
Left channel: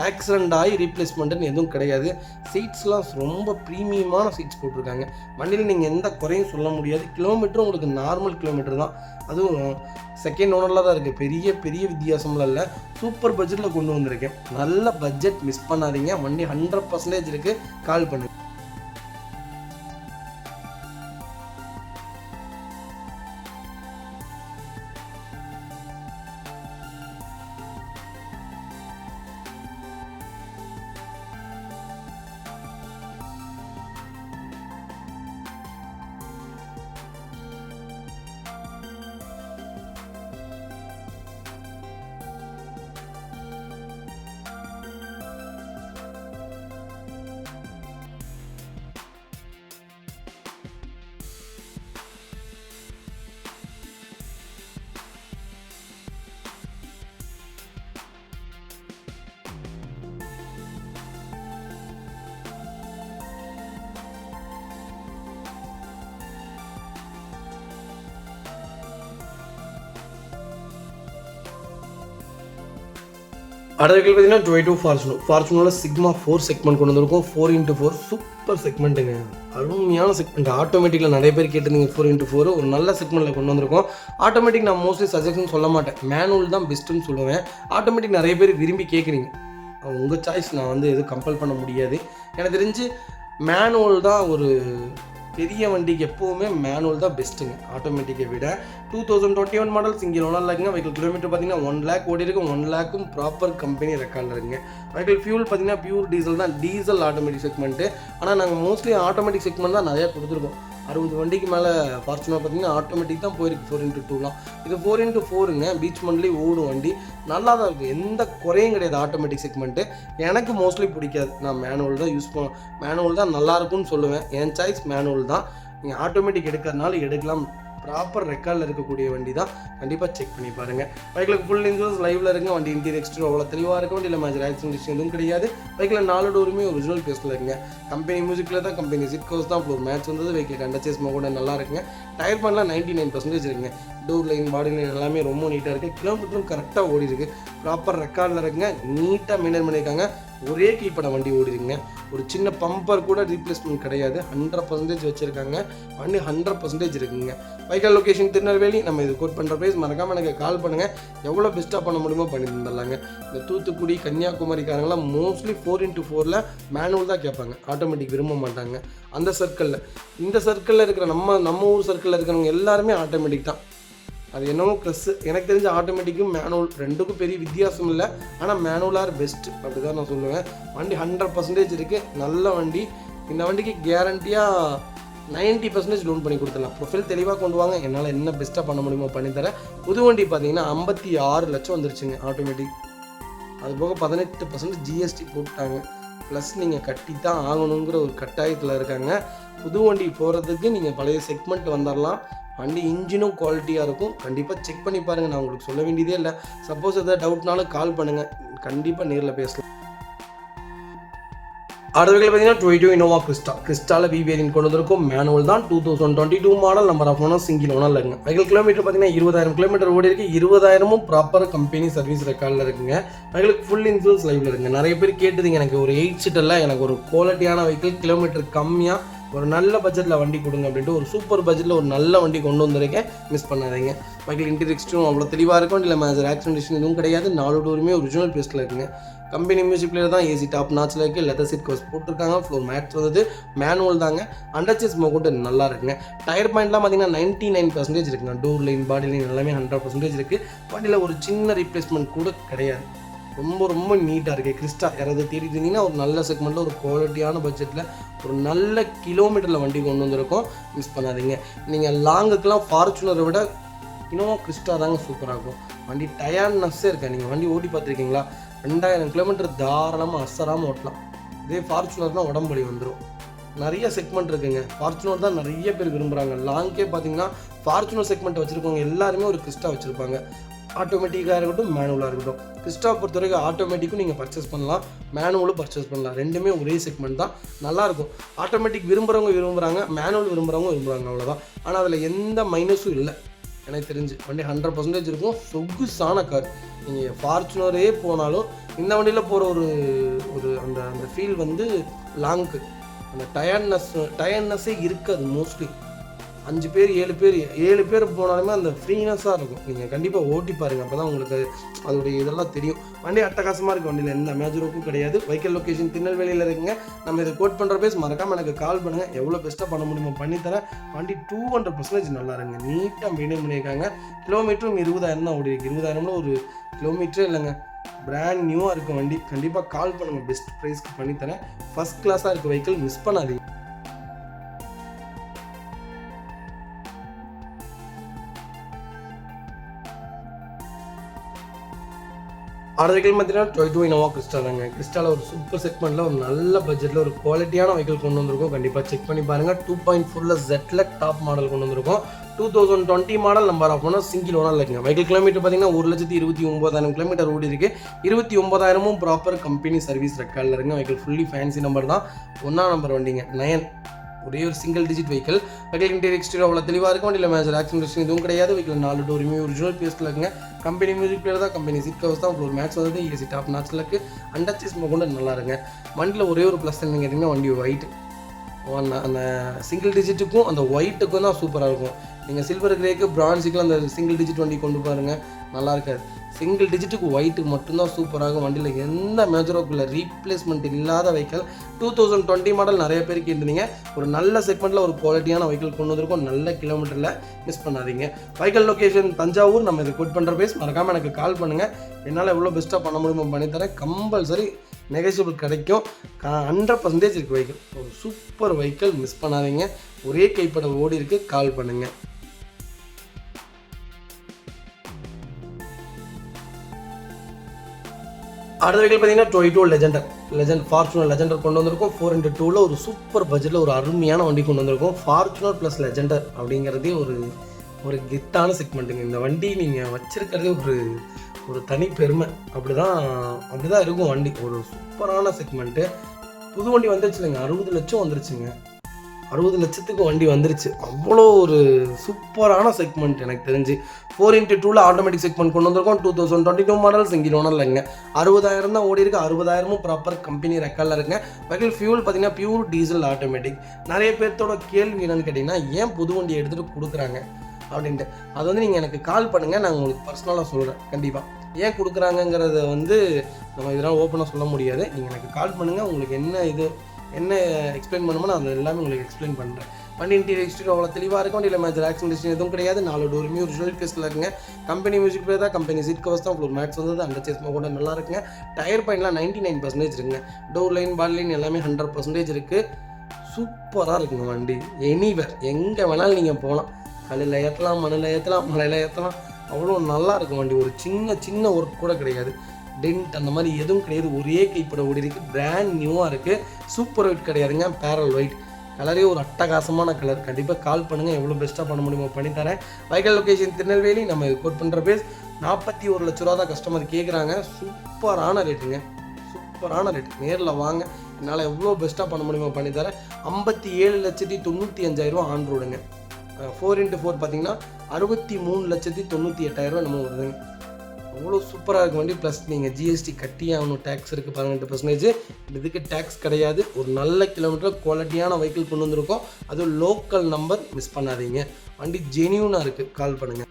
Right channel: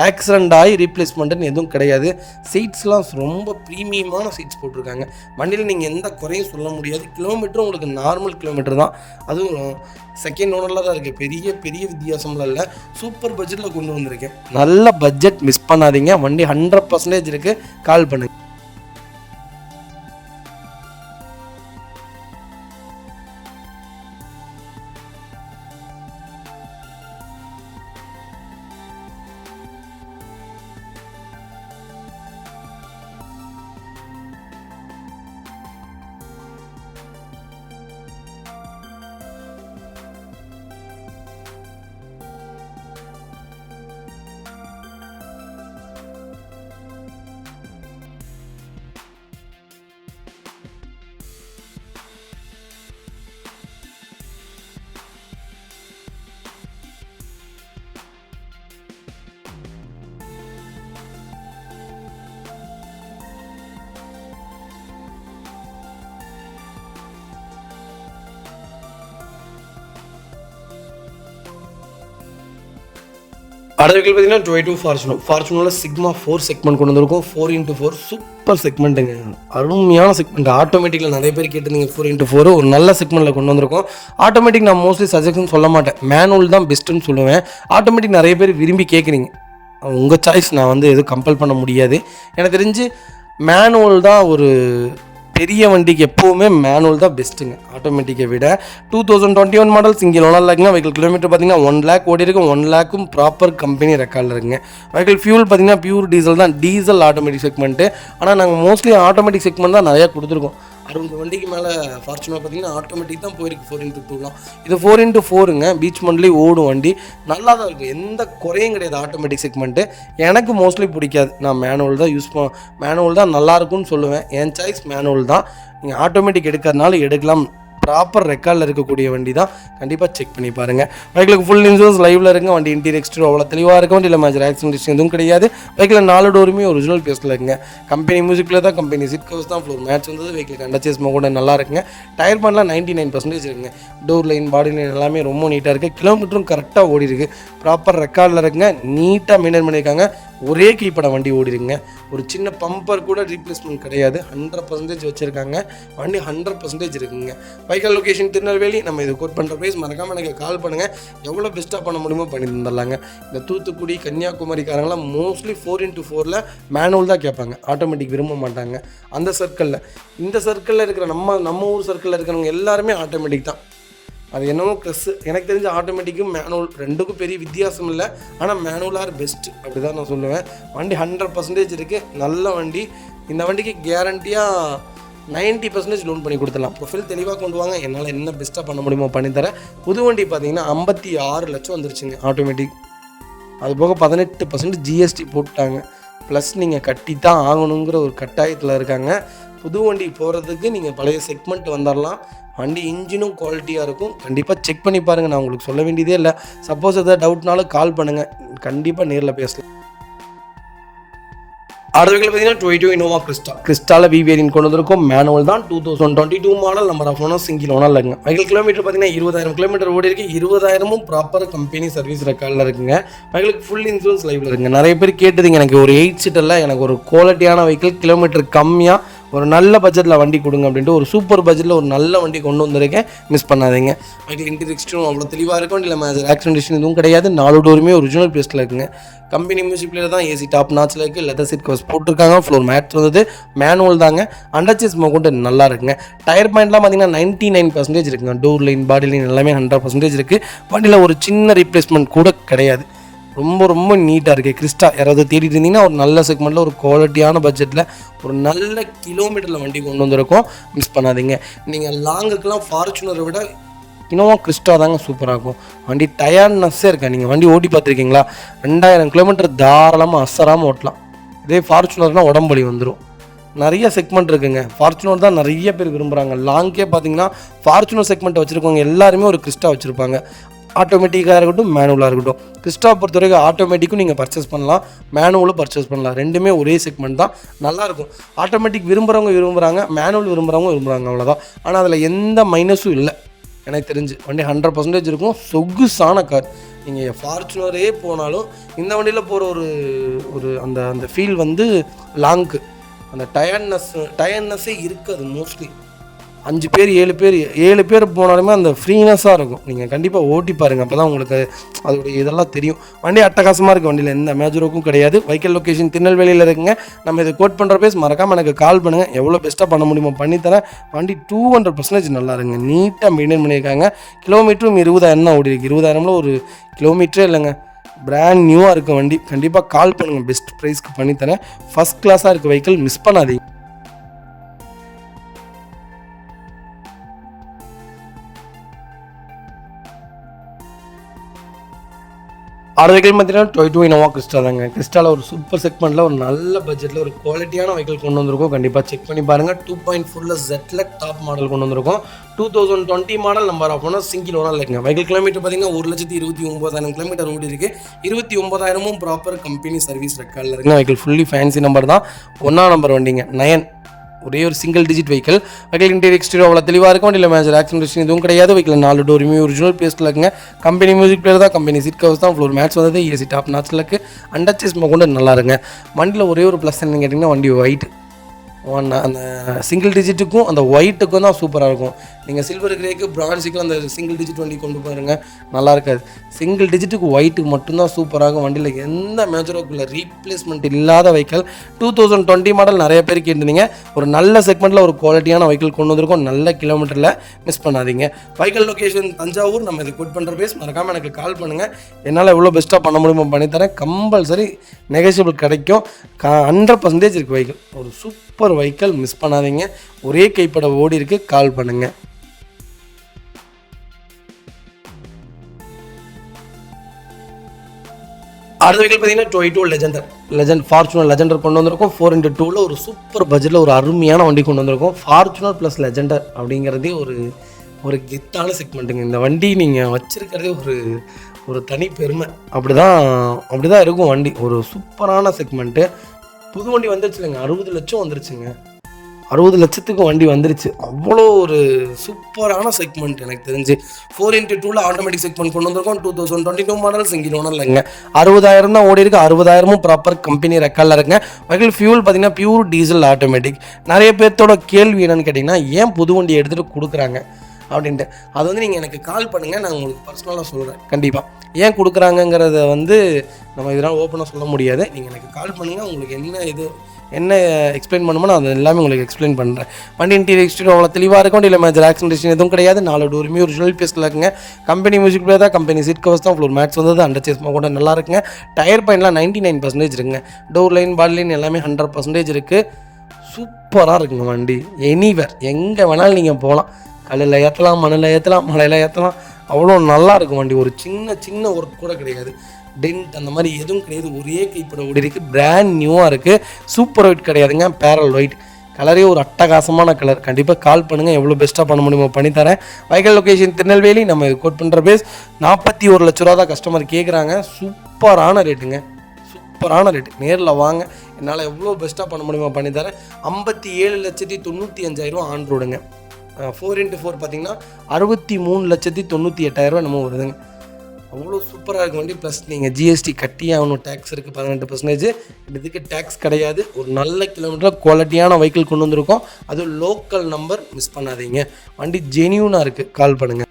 ஆக்சிடெண்ட் ஆகி ரீப்ளேஸ்மெண்ட்டுன்னு எதுவும் கிடையாது. சீட்ஸ்லாம் ரொம்ப ப்ரீமியமான சீட்ஸ் போட்டிருக்காங்க. வண்டியில் நீங்கள் எந்த குறையும் சொல்ல முடியாது. கிலோமீட்டரும் உங்களுக்கு நார்மல் கிலோமீட்டர் தான். அதுவும் செகண்ட் ஓனரில் தான் இருக்குது. பெரிய வித்தியாசம்லாம் இல்லை. சூப்பர் பட்ஜெட்டில் கொண்டு வந்திருக்கேன். நல்ல பட்ஜெட், மிஸ் பண்ணாதீங்க. வண்டி 100% இருக்குது. கால் பண்ணுங்கள். அடுத்த வெஹிக்கிள் பார்த்தீங்கன்னா டொயோட்டோ ஃபார்ச்சுனரில் சிக்மா 4 செக்மெண்ட் கொண்டு வந்திருக்கும். 4x4 சூப்பர் செக்மெண்ட்டுங்க, அருமையான செக்மெண்ட். ஆட்டோமேட்டிக்கில் நிறைய பேர் கேட்டிருந்தீங்க 4x4 ஒரு நல்ல செக்மெண்ட்டில் கொண்டு வந்திருக்கோம். ஆட்டோமேட்டிக் நான் மோஸ்ட்லி சஜஷன் சொல்ல மாட்டேன், மேனுவல் தான் பெஸ்ட்டுன்னு சொல்லுவேன். ஆட்டோமேட்டிக் நிறைய பேர் விரும்பி கேட்குறீங்க, உங்கள் சாய்ஸ், நான் வந்து எதுவும் கம்பல் பண்ண முடியாது. எனக்கு தெரிஞ்சு மேனுவல் தான் ஒரு பெரிய வண்டிக்கு எப்போவுமே மேனுவல் தான் பெஸ்ட்டுங்க ஆட்டோமேட்டிக்கை விட. 2021 மாடல் சிங்கிள் ஓனர் லேக்குங்க. வெஹிக்கிள் கிலோமீட்டர் பார்த்தீங்கன்னா 1 lakh ஓடி இருக்கும். 1 lakhம் ப்ராப்பர் கம்பெனி ரெக்கார்டில் இருக்குங்க. வெஹிக்கிள் ஃபியூல் பார்த்தீங்கன்னா பியூர் டீசல் தான், டீசல் ஆட்டோமேட்டிக் செக்மெண்ட்டு. ஆனால் நாங்கள் மோஸ்ட்லி ஆட்டோமேட்டிக் செக்மெண்ட் தான் நிறையா கொடுத்துருக்கோம். 60 வண்டிக்கு மேலே ஃபார்ச்சுனர் பார்த்தீங்கன்னா ஆட்டோமேட்டிக் தான் போயிருக்கு. 4x2லாம் இது 4x4ங்க. பீச் மண்ட்லி ஓடும் வண்டி, நல்லா தான் இருக்குது, எந்த குறையும் கிடையாது. ஆட்டோமேட்டிக் செக்மெண்ட்டு எனக்கு மோஸ்ட்லி பிடிக்காது, நான் மேனுவல் தான் மேனுவல் தான் நல்லாயிருக்கும்னு சொல்லுவேன். என் சாய்ஸ் மேனுவல் தான். நீங்கள் ஆட்டோமேட்டிக் எடுக்கிறதுனால எடுக்கலாம், ப்ராப்பர் ரெக்கார்டில் இருக்கக்கூடிய வண்டி தான், கண்டிப்பாக செக் பண்ணி பாருங்கள். வெஹிக்கிளுக்கு ஃபுல் இன்சூரன்ஸ் லைவில் இருக்குங்க. வண்டி இன்டீரியர் எக்ஸ்டீரியர் அவ்வளோ தெளிவாக இருக்கும். வண்டியில் மேஜர் ஆக்சிடென்ட் எதுவும் கிடையாது. வெஹிக்கிள் 4 டோருமே ஒரிஜினல் பேஸில் இருக்குங்க. கம்பெனி மியூசிக்கில் தான், கம்பெனி சீட் கவர்ஸ் தான், ஃப்ளோர் மேட்ச் வந்தது. வெஹிக்கிள் கண்டச்சேஸ் கூட நல்லா இருக்குங்க. டயர் பண்ணலாம் 99% இருக்குங்க. டோர் லைன், பாடி லைன் எல்லாமே ரொம்ப நீட்டாக இருக்குது. கிலோமீட்டரும் கரெக்டாக ஓடி இருக்குது, ப்ராப்பர் ரெக்கார்டில் இருக்குங்க. நீட்டாக மெயின்டைன் பண்ணியிருக்காங்க. ஒரே கீப்பட வண்டி ஓடிடுங்க. ஒரு சின்ன பம்பர் கூட ரீப்ளேஸ்மெண்ட் கிடையாது. 100% வச்சுருக்காங்க. வண்டி 100% இருக்குங்க. Vehicle location Tirunelveli. நம்ம இது கோட் பண்ணுற ப்ரைஸ் மறக்காமல் எனக்கு கால் பண்ணுங்கள். எவ்வளோ பெஸ்ட்டாக பண்ண முடியுமோ பண்ணி தந்துடலாங்க. இந்த தூத்துக்குடி கன்னியாகுமரிக்காரங்களாம் மோஸ்ட்லி 4x4ல் மேனுவல் தான் கேட்பாங்க, ஆட்டோமேட்டிக் விரும்ப மாட்டாங்க. அந்த சர்க்கிளில், இந்த சர்க்கிளில் இருக்கிற நம்ம ஊர் சர்க்கிளில் இருக்கிறவங்க எல்லாருமே ஆட்டோமேட்டிக் தான். அது என்னவோ ப்ளஸ்ஸு. எனக்கு தெரிஞ்ச ஆட்டோமேட்டிக்கும் மேனுவல் ரெண்டுக்கும் பெரிய வித்தியாசம் இல்லை. ஆனால் மேனுவலாக பெஸ்ட்டு அப்படி தான் நான் சொல்லுவேன். வண்டி 100% இருக்குது, நல்ல வண்டி. இந்த வண்டிக்கு கேரண்டியாக 90% லோன் பண்ணி கொடுத்துடலாம். ப்ரொஃபைல் தெளிவாக கொண்டு வாங்க, என்னால் என்ன பெஸ்ட்டாக பண்ண முடியுமோ பண்ணித்தரேன். புது வண்டி பார்த்தீங்கன்னா 56 லட்சம் வந்துருச்சுங்க ஆட்டோமேட்டிக். அது போக 18% ஜிஎஸ்டி போட்டாங்க. ப்ளஸ் நீங்கள் கட்டி தான் ஆகணுங்கிற ஒரு கட்டாயத்தில் இருக்காங்க. புது வண்டி போகிறதுக்கு நீங்கள் பழைய செக்மெண்ட் வந்துடலாம். வண்டி இன்ஜினும் குவாலிட்டியாக இருக்கும், கண்டிப்பாக செக் பண்ணி பாருங்கள். நான் உங்களுக்கு சொல்ல வேண்டியதே இல்லை. சப்போஸ் எதாவது டவுட்னாலும் கால் பண்ணுங்கள், கண்டிப்பாக நேரில் பேசலாம். அடுத்த பார்த்தீங்கன்னா டொயோட்டோ இனோவா கிறிஸ்டாவில் வேரியன்ட் கொண்டு வந்திருக்கும். மேனுவல் தான், 2022 model, number of owner single owner இல்லைங்க. வெஹிக்கிள் கிலோமீட்டர் பார்த்தீங்கன்னா 20,000 கிலோமீட்டர் ஓடி இருக்குது. 20,000ம் ப்ராப்பர் கம்பெனி சர்வீஸ் ரெக்கார்டில் இருக்குங்க. வெஹிக்கிளுக்கு ஃபுல் இன்சூரன்ஸ் லைவில் இருக்குங்க. நிறைய பேர் கேட்டதுங்க, எனக்கு ஒரு 8 சீட்டரில் எனக்கு ஒரு குவாலிட்டியான வெஹிக்கிள், கிலோமீட்டர் கம்மியாக ஒரு நல்ல பட்ஜெட்டில் வண்டி கொடுங்க அப்படின்ட்டு ஒரு சூப்பர் பட்ஜெட்டில் ஒரு நல்ல வண்டி கொண்டு வந்திருக்கேன், மிஸ் பண்ணாதீங்க. வெஹிக்கிள் இன்டீரியர் எக்ஸ்டீரியர் அவ்வளோ தெளிவாக இருக்கும். இல்லை மேஜர் ஆக்சிடென்ட் எதுவும் கிடையாது. 4 டோருமே ஒரிஜினல் பேஸ்ட்டில் இருக்குங்க. கம்பெனி மியூசிக் பிளேயர் தான், ஏசி டாப் நாச்சில் இருக்குது. லெதர் சீட் கவர்ஸ் போட்டிருக்காங்க. ஃப்ளோர் மேட்ச் வந்தது. மேனுவல் தாங்க. அண்டர்சேஸ் கொண்டு நல்லா இருக்குங்க. டயர் பாயிண்ட்லாம் பார்த்தீங்கன்னா 99% இருக்குங்க. டோர் லைன், பாடி லைன் எல்லாமே 100% இருக்குது. வண்டியில் ஒரு சின்ன ரீப்ளேஸ்மெண்ட் கூட கிடையாது. ரொம்ப நீட்டாக இருக்குது. கிறிஸ்டா யாராவது தேடிட்டு இருந்தீங்கன்னா ஒரு நல்ல செக்மெண்ட்டில் ஒரு குவாலிட்டியான பட்ஜெட்டில் ஒரு நல்ல கிலோமீட்டரில் வண்டி கொண்டு வந்திருக்கோம், மிஸ் பண்ணாதீங்க. நீங்கள் லாங்குக்கெலாம் ஃபார்ச்சுனரை விட இனோவா கிறிஸ்டா தாங்க சூப்பராக இருக்கும். வண்டி டயர்னஸ்ஸே இருக்கா. நீங்கள் வண்டி ஓட்டி பார்த்துருக்கீங்களா? 2000 கிலோமீட்டர் தாராளமாக அசராமல் ஓட்டலாம். இதே ஃபார்ச்சுனர்னால் உடம்புலி வந்துடும். நிறைய செக்மெண்ட் இருக்குங்க. ஃபார்ச்சுனர் தான் நிறைய பேர் விரும்புகிறாங்க. லாங்கே பார்த்தீங்கன்னா ஃபார்ச்சுனர் செக்மெண்ட் வச்சுருக்கவங்க எல்லாருமே ஒரு கிறிஸ்டா வச்சுருப்பாங்க. ஆட்டோமேட்டிக்காக இருக்கட்டும், மேனுவலாக இருக்கட்டும். கிறிஸ்டா பொறுத்த வரைக்கும் ஆட்டோமேட்டிக்கும் நீங்கள் பர்ச்சேஸ் பண்ணலாம், மேனுவலும் பர்ச்சேஸ் பண்ணலாம். ரெண்டுமே ஒரே செக்மெண்ட் தான், நல்லாயிருக்கும். ஆட்டோமேட்டிக் விரும்புகிறாங்க, மேனுவல் விரும்புகிறாங்க, அவ்வளோதான். ஆனால் அதில் எந்த மைனஸும் இல்லை எனக்கு தெரிஞ்சு. வண்டி 100% இருக்கும். சொகுசான கார். நீங்கள் ஃபார்ச்சுனரே போனாலும் இந்த வண்டியில் போகிற ஒரு அந்த ஃபீல் வந்து லாங்க்கு அந்த டயர்னஸ்ஸே இருக்காது. மோஸ்ட்லி 5 பேர் 7 பேர் போனாலுமே அந்த ஃப்ரீனஸாக இருக்கும். நீங்கள் கண்டிப்பாக ஓட்டி பாருங்கள், அப்போ தான் உங்களுக்கு அதோடைய இதெல்லாம் தெரியும். வண்டி அட்டகாசமாக இருக்குது. வண்டியில் எந்த மேஜருக்கும் கிடையாது. வெஹிக்கிள் லொக்கேஷன் திருநெல்வேலியில் இருக்குங்க. நம்ம இதை கோட் பண்ணுற பேஸ் மறக்காமல் எனக்கு கால் பண்ணுங்கள். எவ்வளோ பெஸ்ட்டாக பண்ண முடியுமோ பண்ணித்தரேன். வண்டி 200% நல்லா இருங்க. நீட்டாக மெயின்டைன் பண்ணியிருக்காங்க. கிலோமீட்டரும் 20,000 தான் ஓடி இருக்குது. 20,000 ஒரு கிலோமீட்டரே இல்லைங்க. பிராண்ட் நியூவாக இருக்குது வண்டி. கண்டிப்பாக கால் பண்ணுங்கள், பெஸ்ட் ப்ரைஸ்க்கு பண்ணித்தரேன். ஃபஸ்ட் கிளாஸாக இருக்குது வெஹிக்கிள், மிஸ் பண்ணாதீங்க. அடுத்த வெஹிக்கிள் பார்த்தீங்கன்னா டொயோட்டோ இனோவா கிறிஸ்டா தாங்க. கிறிஸ்டாவில் ஒரு சூப்பர் செக்மெண்ட்டில் ஒரு நல்ல பட்ஜெட்டில் ஒரு குவாலிட்டியான வெஹிக்கிள் கொண்டு வந்திருக்கோம். கண்டிப்பாக செக் பண்ணி பாருங்கள். 2.4 ZLEC டாப் மாடல் கொண்டு வந்திருக்கோம். 2020 model, number of owner single owner இருக்குங்க. வெஹிக்கிள் கிலோமீட்டர் பார்த்தீங்கன்னா 1,29,000 கிலோமீட்டர் ஓடி இருக்குது. 29,000ம் ப்ராப்பர் கம்பெனி சர்வீஸ் ரெக்கார்டில் இருக்குங்க. வெஹிக்கிள் ஃபுல்லி ஃபேன்சி நம்பர் தான். 1ஆம் நம்பர் வண்டிங்க. 9 ஒரே ஒரு single digit vehicle. Vehicle interior exterior அவ்வளோ தெளிவாக இருக்கும். வண்டியில் மேஜர் ஆக்சிடென்ட் எதுவும் கிடையாது. வெஹிக்கிள் 4 டோருமே ஒரிஜினல் பேஸ்ட்டில் இருக்குங்க. கம்பெனி மியூசிக் பிளேயர் தான், கம்பெனி சீட் கவர்ஸ் தான், ஃப்ளோர் மேட்ச் வந்தது, ஏசி டாப் நாச்சில் இருக்குது. அண்டர்ச்சேஸ் கொண்டு நல்லா இருங்க. வண்டியில் ஒரே ஒரு ப்ளஸ் என்னன்னு கேட்டிங்கன்னா வண்டி ஒயிட். அந்த சிங்கிள் டிஜிட்டுக்கும் அந்த ஒயிட்டுக்கும் தான் சூப்பராக இருக்கும். நீங்கள் சில்வர் கிரேக்கு பிரான்ஸுக்கு அந்த சிங்கிள் டிஜிட் வண்டி கொண்டு பாருங்கள், நல்லா இருக்காது. சிங்கிள் டிஜிட்டுக்கு ஒயிட்டுக்கு மட்டும்தான் சூப்பராகும். வண்டியில் எந்த மேஜரோக்குள்ள ரீப்ளேஸ்மெண்ட் இல்லாத வெஹிக்கிள். 2020 மாடல் நிறைய பேர் கேட்டிருந்தீங்க. ஒரு நல்ல செக்மெண்ட்டில் ஒரு குவாலிட்டியான வெஹிக்கிள் கொண்டு வந்திருக்கோம். நல்ல கிலோமீட்டரில் மிஸ் பண்ணாதீங்க. Vehicle location Thanjavur. நம்ம இது கோட் பண்ணுற பேஸ் மறக்காமல் எனக்கு கால் பண்ணுங்கள். என்னால் எவ்வளோ பெஸ்ட்டாக பண்ண முடியுமோ பண்ணித்தரேன். கம்பல்சரி நெகோஷியபிள் கிடைக்கும். 100% இருக்குது வெஹிக்கிள். ஒரு சூப்பர் வெஹிக்கிள், மிஸ் பண்ணாதீங்க. ஒரே கைப்பட ஓடி இருக்குது, கால் பண்ணுங்கள். அடுத்த வெஹிக்கிள் பார்த்தீங்கன்னா டொயோட்டோ லெஜெண்ட் ஃபார்ச்சுனர் லெஜெண்டர் கொண்டு வந்திருக்கோம். 4x2ல் ஒரு சூப்பர் பட்ஜெட்டில் ஒரு அருமையான வண்டி கொண்டு வந்திருக்கோம். ஃபார்ச்சுனர் ப்ளஸ் லெஜெண்டர் அப்படிங்கிறதே ஒரு கெத்தான செக்மெண்ட்டுங்க. இந்த வண்டி நீங்கள் வச்சுருக்கிறதே ஒரு தனி பெருமை. அப்படி தான் இருக்கும் வண்டி. ஒரு சூப்பரான செக்மெண்ட்டு. புது வண்டி வந்துருச்சு இல்லைங்க, 60 லட்சம் வந்துருச்சுங்க. 60 லட்சத்துக்கு வண்டி வந்துருச்சு. அவ்வளோ ஒரு சூப்பரான செக்மெண்ட் எனக்கு தெரிஞ்சு. 4x2ல் ஆட்டோமேட்டிக் செக்மெண்ட் கொண்டு வந்திருக்கோம். 2022 மாடல் சிங்கிள் ஓனர் இல்லைங்க. 60,000 தான் ஓடி இருக்கு. 60,000 ப்ராப்பர் கம்பெனி ரெக்கார்டில் இருக்குங்க. வெஹிக்கிள் ஃபியூல் பார்த்தீங்கன்னா பியூர் டீசல் ஆட்டோமேட்டிக். நிறைய பேர்த்தோட கேள்வி என்னன்னு கேட்டிங்கன்னா, ஏன் புது வண்டி எடுத்துகிட்டு கொடுக்குறாங்க அப்படின்ட்டு. அது வந்து நீங்கள் எனக்கு கால் பண்ணுங்கள், நான் உங்களுக்கு பர்சனலாக சொல்கிறேன். கண்டிப்பாக ஏன் கொடுக்குறாங்கங்கிறத நம்ம இதெல்லாம் ஓப்பனாக சொல்ல முடியாது. நீங்கள் எனக்கு கால் பண்ணுங்கள், உங்களுக்கு என்ன எக்ஸ்பிளைன் பண்ணுமோ நான் அது எல்லாமே உங்களுக்கு எக்ஸ்பிளைன் பண்ணுறேன். வண்டி இன்டீரியர் எக்ஸ்டீரியர் அவ்வளோ தெளிவாக இருக்கும். வண்டியில் மேஜர் ஆக்சிடென்ட் எதுவும் கிடையாது. 4 டோருமே ஒரிஜினல் பேஸ்ட்டில் இருக்குங்க. கம்பெனி மியூசிக் பிளேயர் தான், கம்பெனி சீட் கவர்ஸ் தான், ஃப்ளோர் மேட்ச் வந்தது, அண்டர்ச்சேஸ் கூட நல்லா இருக்குங்க. டயர் பாயிண்ட்லாம் 99% இருக்குங்க. டோர் லைன் பாடி லைன் எல்லாமே 100% இருக்குது. சூப்பராக இருக்குங்க வண்டி. எனிவேர் எங்கே வேணாலும் நீங்கள் போகலாம். கல்லில் ஏற்றலாம், மண்ணில் ஏற்றலாம், மலையில் ஏற்றலாம். அவ்வளோ நல்லா இருக்கும் வண்டி. ஒரு சின்ன ஒர்க் கூட கிடையாது. டென்ட் அந்த மாதிரி எதுவும் கிடையாது. ஒரே கைப்பட ஓடி இருக்குது. பிராண்ட் நியூவாக இருக்குது. சூப்பர் ஒயிட் கிடையாதுங்க, பேரல் ஒயிட். கலரே ஒரு அட்டகாசமான கலர். கண்டிப்பாக கால் பண்ணுங்கள், எவ்வளோ பெஸ்ட்டாக பண்ண முடியுமோ பண்ணித்தரேன். Vehicle location Tirunelveli. நம்ம கோட் பண்ணுற பேஸ் 41 லட்ச ரூபா தான் கஸ்டமர் கேட்குறாங்க. சூப்பரான ரேட்டுங்க, சூப்பரான ரேட்டு. நேரில் வாங்க, என்னால் எவ்வளோ பெஸ்ட்டாக பண்ண முடியுமோ பண்ணித்தரேன். 57,95,000 ஆன் ரோடுங்க. 4x4 பார்த்தீங்கன்னா 63,98,000 நம்ம வருதுங்க. அவ்வளோ சூப்பராக இருக்க வண்டி. ப்ளஸ் நீங்கள் ஜிஎஸ்டி கட்டி ஆகணும். டேக்ஸ் இருக்குது 18%. இதுக்கு டேக்ஸ் கிடையாது. ஒரு நல்ல கிலோமீட்டர் குவாலிட்டியான வெஹிக்கிள் கொண்டு வந்திருக்கோம். அது லோக்கல் நம்பர், மிஸ் பண்ணாதீங்க. வண்டி ஜெனியூனாக இருக்குது, கால் பண்ணுங்கள்.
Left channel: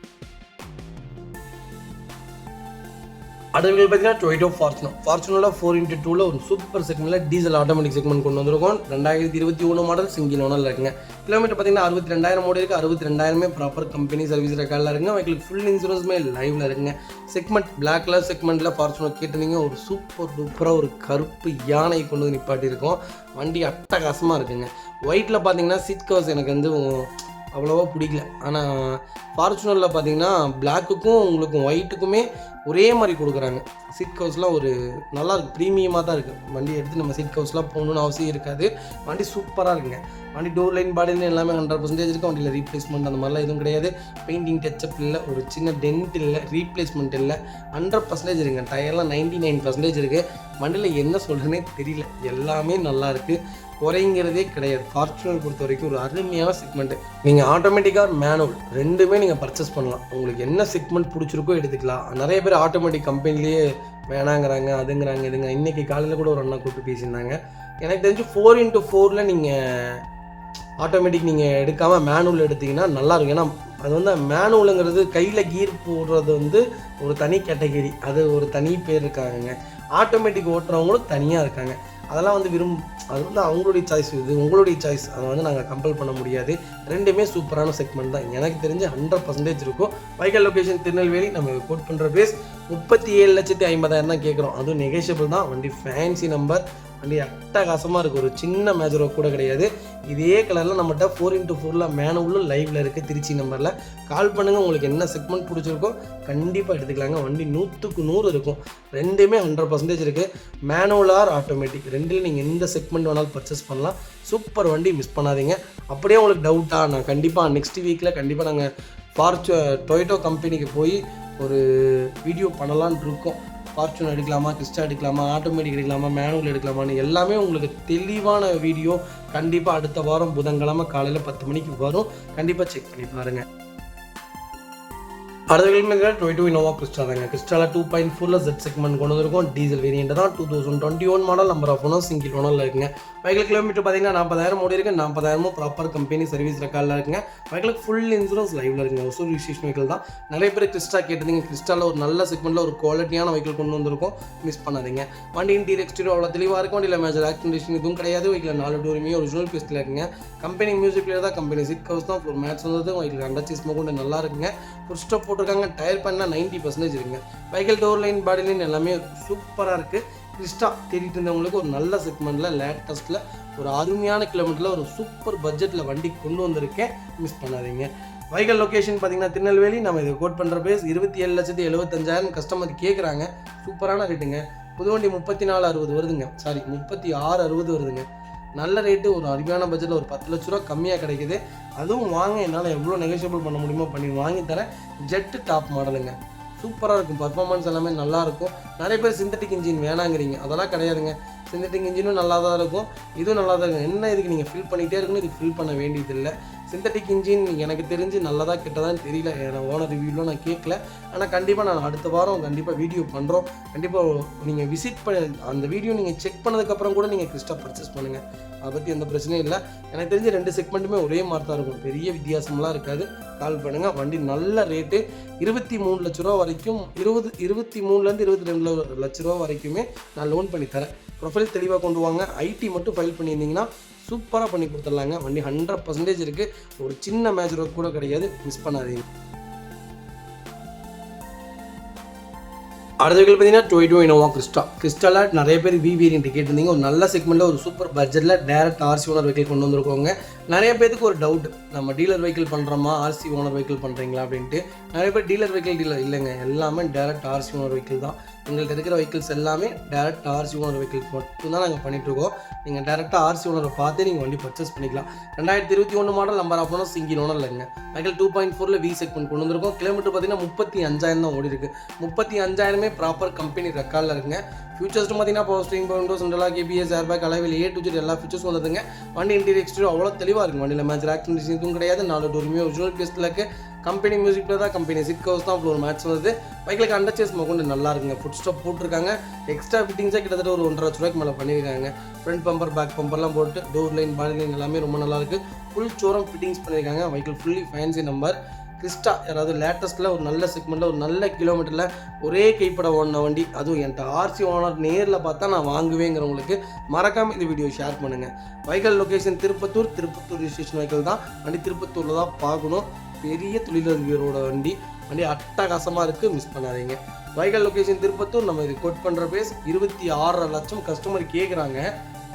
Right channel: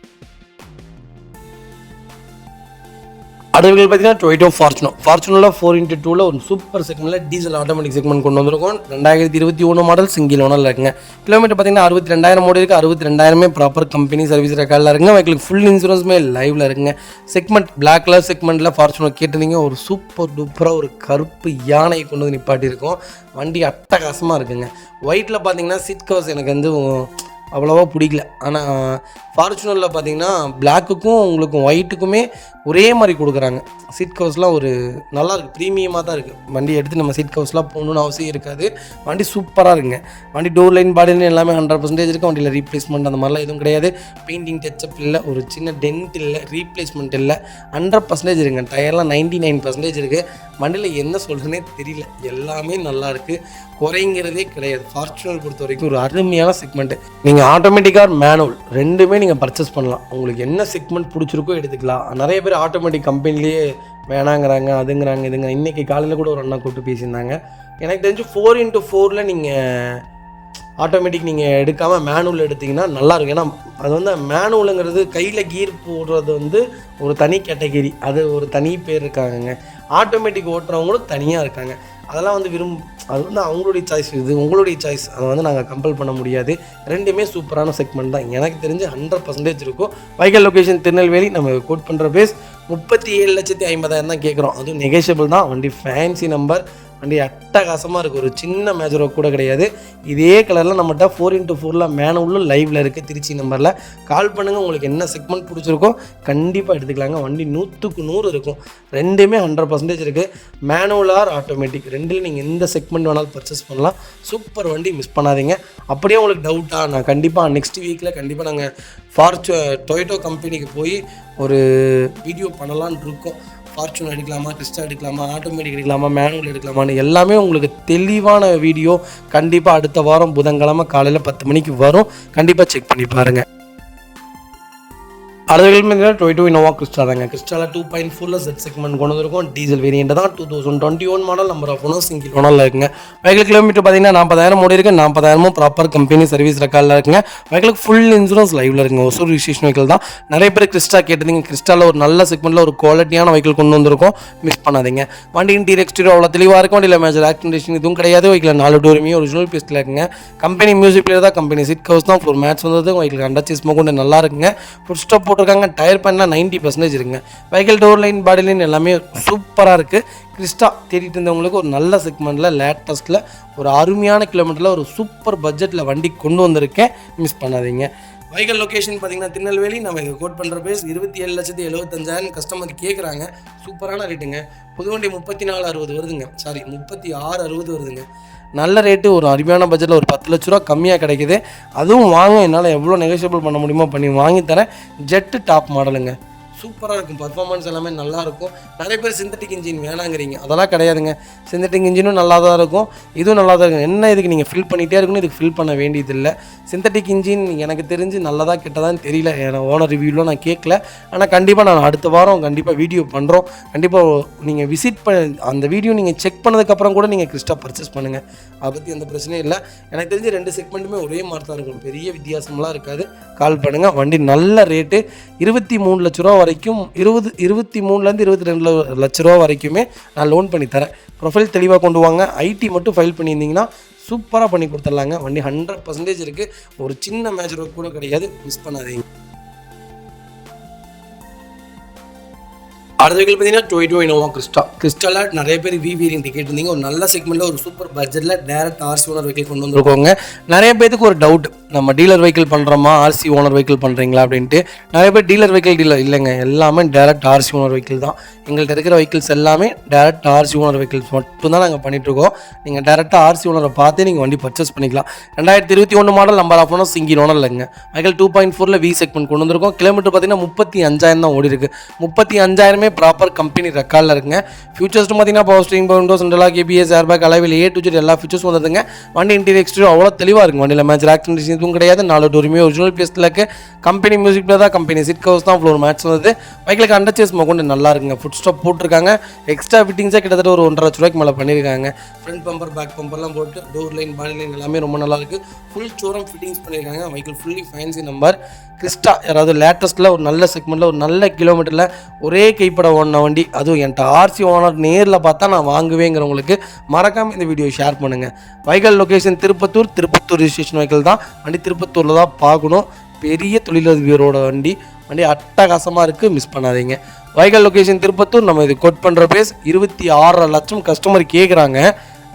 அடுத்த பார்த்தீங்கன்னா டொயோட்டோ ஃபார்ச்சுனரில் 4x2ல் ஒரு சூப்பர் செக்மெண்ட்டில் டீசல் ஆட்டோமேட்டிக் செக்மெண்ட் கொண்டு வந்திருக்கோம். 2021 மாடல் சிங்கிள் ஓனரில் இருக்குங்க. கிலோமீட்டர் பார்த்தீங்கன்னா 62,000 ஓடி இருக்குது. 62,000 ப்ராப்பர் கம்பெனி சர்வீஸ் ரெக்கார்டில் இருக்குங்க. வெஹிக்கிளுக்கு ஃபுல் இன்சூரன்ஸுமே லைவில் இருக்குங்க. செக்மெண்ட் பிளாக் கலர் செக்மெண்ட்டில் ஃபார்ச்சுனர் கேட்டிருந்தீங்க. ஒரு சூப்பர் டூப்பராக ஒரு கருப்பு யானையை கொண்டு வந்து நிப்பாட்டியிருக்கோம். வண்டி அட்டகாசமாக இருக்குங்க. ஒயிட்டில் பார்த்தீங்கன்னா சீட் கவர்ஸ் எனக்கு அவ்வளோவா பிடிக்கல. ஆனால் ஃபார்ச்சுனரில் பார்த்தீங்கன்னா பிளாக்குக்கும் உங்களுக்கும் ஒயிட்டுக்குமே ஒரே மாதிரி கொடுக்குறாங்க. சீட் கவர்ஸ்லாம் ஒரு நல்லா இருக்குது, ப்ரீமியமாக தான் இருக்குது. வண்டி எடுத்து நம்ம சீட் கவர்ஸ்லாம் போகணுன்னு அவசியம் இருக்காது. வண்டி சூப்பராக இருக்குங்க. வண்டி டோர் லைன் பாடி லைன் எல்லாமே 100% இருக்குது. வண்டியில் ரீப்ளேஸ்மெண்ட் அந்த மாதிரிலாம் எதுவும் கிடையாது. பெயிண்டிங் டச்சப் இல்லை, ஒரு சின்ன டென்ட் இல்லை, ரீப்ளேஸ்மெண்ட் இல்லை. 100% இருக்குங்க. டயர்லாம் 99% இருக்குது. வண்டியில் என்ன சொல்கிறதுனே தெரியல, எல்லாமே நல்லா இருக்குது. குறைங்கிறதே கிடையாது. ஃபார்ச்சுனர் பொறுத்த வரைக்கும் ஒரு அருமையான செக்மெண்ட்டு. நீங்கள் ஆட்டோமேட்டிக்காக மேனுவல் ரெண்டுமே நீங்கள் பர்ச்சேஸ் பண்ணலாம். உங்களுக்கு என்ன செக்மெண்ட் பிடிச்சிருக்கோ எடுத்துக்கலாம். நிறைய பேர் ஆட்டோமேட்டிக் கம்பெனிலேயே வேணாங்கிறாங்க, அதுங்கிறாங்க, இதுங்க. இன்றைக்கி காலையில் கூட ஒரு அண்ணா கூப்பிட்டு பேசியிருந்தாங்க. எனக்கு தெரிஞ்சு 4x4ல் நீங்கள் ஆட்டோமேட்டிக் நீங்கள் எடுக்காமல் மேனுவல் எடுத்திங்கன்னா நல்லாயிருக்கும். ஏன்னா அது மேனுவலுங்கிறது கையில் கீர் போடுறது ஒரு தனி கேட்டகிரி. அது ஒரு தனி பேர் இருக்காங்கங்க. ஆட்டோமேட்டிக் ஓட்டுறவங்களும் தனியாக இருக்காங்க. அதெல்லாம் அது அவங்களுடைய சாய்ஸ். இது உங்களுடைய சாய்ஸ். அதை நாங்கள் கம்பல் பண்ண முடியாது. ரெண்டுமே சூப்பரான செக்மெண்ட் தான். எனக்கு தெரிஞ்சு 100% இருக்கும். Vehicle location Tirunelveli. நம்ம கோட் பண்ணுற பேஸ் 37,50,000 தான் கேட்குறோம். அதுவும் நெகோஷியபிள் தான். வண்டி ஃபேன்சி நம்பர். வண்டி அட்டகாசமாக இருக்குது. ஒரு சின்ன மேஜரோ கூட கிடையாது. இதே கலரில் நம்மகிட்ட 4x4ல் மேனுவலும் லைவில் இருக்குது. திருச்சி நம்பரில் கால் பண்ணுங்கள். உங்களுக்கு என்ன செக்மெண்ட் பிடிச்சிருக்கோ கண்டிப்பாக எடுத்துக்கலாங்க. வண்டி 100க்கு 100 இருக்கும். ரெண்டுமே 100% இருக்குது. மேனுவல் ஆர் ஆட்டோமேட்டிக் ரெண்டில் நீங்கள் எந்த செக்மெண்ட் வேணாலும் பர்ச்சேஸ் பண்ணலாம். சூப்பர் வண்டி, மிஸ் பண்ணாதீங்க. அப்படியே உங்களுக்கு டவுட்டாக நான் கண்டிப்பாக நெக்ஸ்ட் வீக்கில் கண்டிப்பாக நாங்கள் டொயோட்டோ கம்பெனிக்கு போய் ஒரு வீடியோ பண்ணலான் இருக்கோம். ஃபார்ச்சூன் எடுக்கலாமா, கிறிஸ்டா எடுக்கலாமா, ஆட்டோமேட்டிக் எடுக்கலாமா, மேனுவல் எடுக்கலாமான்னு எல்லாமே உங்களுக்கு தெளிவான வீடியோ கண்டிப்பாக அடுத்த வாரம் புதன்கிழமை காலையில் 10 மணிக்கு வரும். கண்டிப்பாக செக் பண்ணி பாருங்கள். அடுத்த டொயோட்டோ இனோவா கிறிஸ்டா தாங்க. கிறிஸ்டாவில் 2.4 Z செக்மெண்ட் கொண்டு வந்திருக்கும். டீசல் வேரியண்ட் தான். 2021 model. Number of owner single ஓனரில் இருக்குங்க. வெஹிக்கிள் கிலோமீட்டர் பார்த்தீங்கன்னா 40,000 ஓடி இருக்குது. 40,000 ப்ராப்பர் கம்பெனி சர்வீஸ் ரெக்கார்டில் இருக்குங்க. வெஹிக்கிளுக்கு ஃபுல் இன்சூரன்ஸ் லைவில் இருக்குங்க. ஒசூர் ரிஜிஸ்ட்ரேஷன் வெஹிக்கிள் தான். நிறைய பேர் கிறிஸ்டா கேட்டிருந்தீங்க. கிறிஸ்டாவில் ஒரு நல்ல செக்மெண்ட்டில் ஒரு குவாலிட்டியான வெஹிக்கிள் கொண்டு வந்திருக்கும். மிஸ் பண்ணாதீங்க. வண்டி இன்டீரியர் எக்ஸ்டீரியர் அவ்வளோ தெளிவாக இருக்கும். வண்டியில் மேஜர் ஆக்சிடென்ட் இதுவும் கிடையாது. வெஹிக்கில் 4 டோருமே ஒரிஜினல் பீஸில் இருக்குங்க. கம்பெனி மியூசிக் பிளேயர் தான். கம்பெனி சீட் கவர்ஸ் தான். ஃப்ளோர் மேட்ச் வந்தது. வெஹிக்கிள் அண்டர் சீஸ் கொண்டு நல்லா இருக்குங்க. ஃபுட் ஸ்டாப் போட்டிருக்காங்க. டயர் பண்ண 90% இருக்குங்க. Vehicle door line body line எல்லாமே சூப்பராக இருக்குது. கிறிஸ்டா தேடிட்டு இருந்தவங்களுக்கு ஒரு நல்ல செக்மெண்ட்டில் லேட்டஸ்ட்டில் ஒரு அருமையான கிலோமீட்டரில் ஒரு சூப்பர் பட்ஜெட்டில் வண்டி கொண்டு வந்திருக்கேன். மிஸ் பண்ணாதீங்க. வெஹிக்கிள் லொக்கேஷன் பார்த்தீங்கன்னா திருநெல்வேலி. நம்ம இதை கோட் பண்ணுற பேஸ் 27,75,000 கஸ்டமர் கேட்குறாங்க. சூப்பரான ரேட்டுங்க. புது வண்டி 34,60 வருதுங்க. 36,60 வருதுங்க. நல்ல ரேட்டு. ஒரு அருமையான பட்ஜெட்டில் ஒரு 10 லட்ச ரூபா கம்மியாக கிடைக்குது. அதுவும் வாங்க, என்னால் எவ்வளோ நெகோஷியபிள் பண்ண முடியுமோ பண்ணி வாங்கித்தரேன். ஜெட்டு டாப் மாடலுங்க. சூப்பராக இருக்கும். பர்ஃபார்மன்ஸ் எல்லாமே நல்லாயிருக்கும். நிறைய பேர் சிந்தட்டிக் இன்ஜின் வேணாங்கிறீங்க. அதெல்லாம் கிடையாதுங்க. சிந்தட்டிக் இன்ஜினும் நல்லா தான் இருக்கும். இதுவும் நல்லா தான் இருக்கும். என்ன இதுக்கு நீங்கள் ஃபில் பண்ணிகிட்டே இருக்கணும். இதுக்கு ஃபில் பண்ண வேண்டியதில்லை. சிந்தட்டிக் இன்ஜின் எனக்கு தெரிஞ்சு நல்லதாக கெட்டதான்னு தெரியல. ஓனர் ரிவ்யூவில் நான் கேட்கல. ஆனால் கண்டிப்பாக நான் அடுத்த வாரம் கண்டிப்பாக வீடியோ பண்ணுறோம். கண்டிப்பாக நீங்கள் விசிட் அந்த வீடியோ நீங்கள் செக் பண்ணதுக்கப்புறம் கூட நீங்கள் கிறிஸ்டா பர்ச்சேஸ் பண்ணுங்கள். அதை பற்றி எந்த பிரச்சனையும் இல்லை. எனக்கு தெரிஞ்சு 2 செக்மெண்ட்டுமே ஒரே மாதிரி தான் இருக்கும். பெரிய வித்தியாசமெலாம் இருக்காது. கால் பண்ணுங்கள். வண்டி நல்ல ரேட்டு. 23 லட்ச ரூபா வரைக்கும் 23லேருந்து 22 லட்ச ரூபா வரைக்குமே நான் லோன் பண்ணி தரேன். ப்ரொஃபைல் தெளிவாக கொண்டு வாங்க. ஐடி மட்டும் ஃபைல் பண்ணியிருந்தீங்கன்னா சூப்பராக பண்ணி கொடுத்துடலாங்க. வண்டி 100% இருக்குது. ஒரு சின்ன மேஜர் ஒர்க் கூட கிடையாது. மிஸ் பண்ணாதீங்க. அடுத்த வெஹிக்கிள் பார்த்தீங்கன்னா டொயோட்டோ இனோவா கிறிஸ்டாவில் நிறைய பேர் வேரியண்ட் கேட்டிருந்தீங்க. ஒரு நல்ல செக்மெண்ட்டில் ஒரு சூப்பர் பட்ஜெட்டில் டேரக்ட் ஆர்சி ஓனர் வெஹிக்கிள் கொண்டு வந்துருக்கோங்க. நிறைய பேருக்கு ஒரு டவுட், நம்ம டீலர் வெஹிக்கிள் பண்ணுறோமா ஆர்சி ஓனர் வெஹிக்கிள் பண்ணுறீங்களா அப்படின்ட்டு. நிறைய பேர் டீலர் வெஹிக்கிள் இல்லைங்க, எல்லாமே டேரக்ட் ஆர்சி ஓனர் வெஹிக்கிள் தான். எங்கள்கிட்ட இருக்கிற வெஹிக்கிள்ஸ் எல்லாமே டேரக்ட் ஆர்சி ஓனர் வெஹிக்கிள்ஸ் மட்டும் தான் நாங்கள் பண்ணிகிட்ருக்கோம். நீங்கள் டேரெக்டாக ஆர்சி ஓனரை பார்த்து நீங்கள் வண்டி பர்ச்சேஸ் பண்ணிக்கலாம். 2021 model. Number of owner single owner இல்லைங்க. வெஹிக்கிள் 2.4 V செக்மெண்ட் கொண்டு வந்திருக்கோம். கிலோமீட்டர் பார்த்தீங்கன்னா 35,000 தான் ஓடி இருக்குது. 35,000 ப்ராப்பர் கம்பெனி ரெக்கார்டில் இருக்குங்க. ஃபியூச்சர்ஸ் பார்த்தீங்கன்னா power steering, windows, central lock, ABS, airbag, alloy wheel A to Z எல்லா ஃபியூச்சர்ஸும் வந்துடுங்க. வண்டி இன்டீரியர் எக்ஸ்டீரியர் அவ்வளோ தெளிவாக இருக்கும். வண்டியில் மேஜர் ஆக்சிடென்ட் எதுவும் கிடையாது. 4 டோருமே ஒரிஜினல் பீஸில் இருக்குது. கம்பெனி மியூசிக் பிளேயர் தான். கம்பெனி சீட் கவர்ஸ் தான். ஃப்ளோர் மேட்ச் வந்தது. வெஹிக்கிளுக்கு அண்டர் சேஸ் கொண்டு நல்லா இருக்குங்க. ஃபுட் ஸ்டாப் போட்டிருக்காங்க. எக்ஸ்ட்ரா ஃபிட்டிங்ஸாக கிட்டத்தட்ட ஒரு 1.5 லட்ச ரூபாய்க்கு மேலே பண்ணியிருக்காங்க. ஃப்ரண்ட் பம்பர், பேக் பம்பர்லாம் போட்டு டோர் லைன், பாடி லைன் எல்லாமே ரொம்ப நல்லா இருக்குது. ஃபுல் ஷோரூம் ஃபிட்டிங்ஸ் பண்ணியிருக்காங்க. Vehicle fully fancy number. Crysta யாராவது லேட்டஸ்ட்டில் ஒரு நல்ல செக்மெண்ட்டில் ஒரு நல்ல கிலோமீட்டரில் ஒரே கைப்பட ஓடின வண்டி, அதுவும் என்கிட்ட ஆர்சி ஓனர் நேரில் பார்த்தா நான் வாங்குவேங்கிறவங்களுக்கு மறக்காமல் இந்த வீடியோ ஷேர் பண்ணுங்கள். Vehicle location Tirupattur registration vehicle தான். வண்டி திருப்பத்தூரில் தான் பார்க்கணும். பெரிய தொழிலதிபரோட வண்டி அட்டகாசமாக இருக்குது. மிஸ் பண்ணாதீங்க. Vehicle location Tirupattur. நம்ம இது கோட் பண்ணுற பேஸ் 26 லட்சம் கஸ்டமர் கேட்குறாங்க.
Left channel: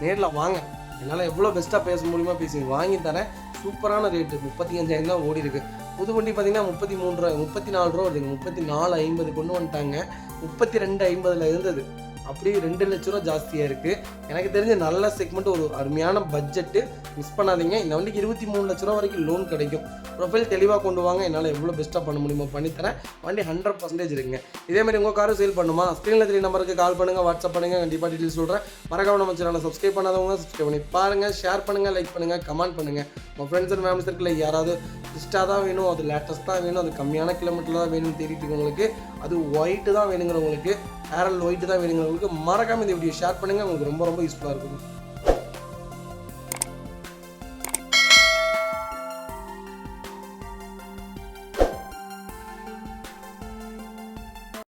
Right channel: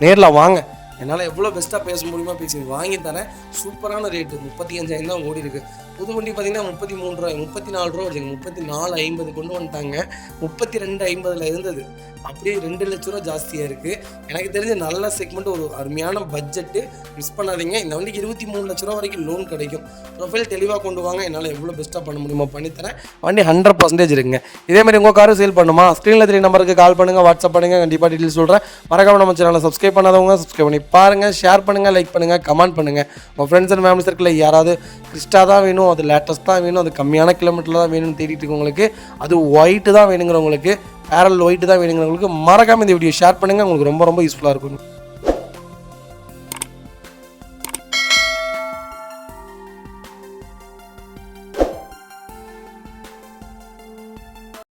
நேரில் வாங்க. என்னால் எவ்வளோ பெஸ்ட்டாக பேச முடியுமா பேசி வாங்கி தரேன். சூப்பரான ரேட்டு. 35,000 தான் ஓடி இருக்குது. புது வண்டி பார்த்தீங்கன்னா 33 ரூபா 34 ரூபா வருதுங்க. 34,50 கொண்டு வந்துட்டாங்க. 32,50 இருந்தது. அப்படியே 2 லட்ச ரூபா ஜாஸ்தியாக இருக்குது. எனக்கு தெரிஞ்ச நல்ல செக்மெண்ட், ஒரு அருமையான பட்ஜெட்டு. மிஸ் பண்ணாதீங்க. இந்த வண்டிக்கு 23 லட்ச ரூபா வரைக்கும் லோன் கிடைக்கும். ப்ரொஃபைல் தெளிவாக கொண்டு வாங்க. என்னால் எவ்வளோ பெஸ்ட்டாக பண்ண முடியுமோ பண்ணித்தரேன். வண்டி 100% இருக்குங்க. இதேமாதிரி உங்கள் காரும் சேல் பண்ணுமா? ஸ்க்ரீனில் 3 நம்பருக்கு கால் பண்ணுங்கள், வாட்ஸ்அப் பண்ணுங்கள். கண்டிப்பாக டீட்டெயில் சொல்கிறேன். மறக்காம நம்ம சேனலை சப்ஸ்கிரைப் பண்ணாதவங்க சப்ஸ்கிரைப் பண்ணி பாருங்கள். ஷேர் பண்ணுங்கள், லைக் பண்ணுங்கள், கமெண்ட் பண்ணுங்கள். உங்கள் ஃப்ரெண்ட்ஸ் அண்ட் ஃபேமிலி சர்க்கிளில் யாராவது கிறிஸ்டா தான் வேணும், அது லேட்டஸ்ட்டாக வேணும், அது கம்மியான கிலோமீட்டரில் தான் வேணும்னு தேடிட்டு இருக்கவங்களுக்கு, அது ஒயிட்டு தான் வேணுங்கிறவங்களுக்கு, பேரல் ஒயிட்டு தான் வேணுங்கிறவங்களுக்கு மறக்காமல் இந்த வீடியோ ஷேர் பண்ணுங்கள். உங்களுக்கு ரொம்ப யூஸ்ஃபுல்லாக இருக்கும்.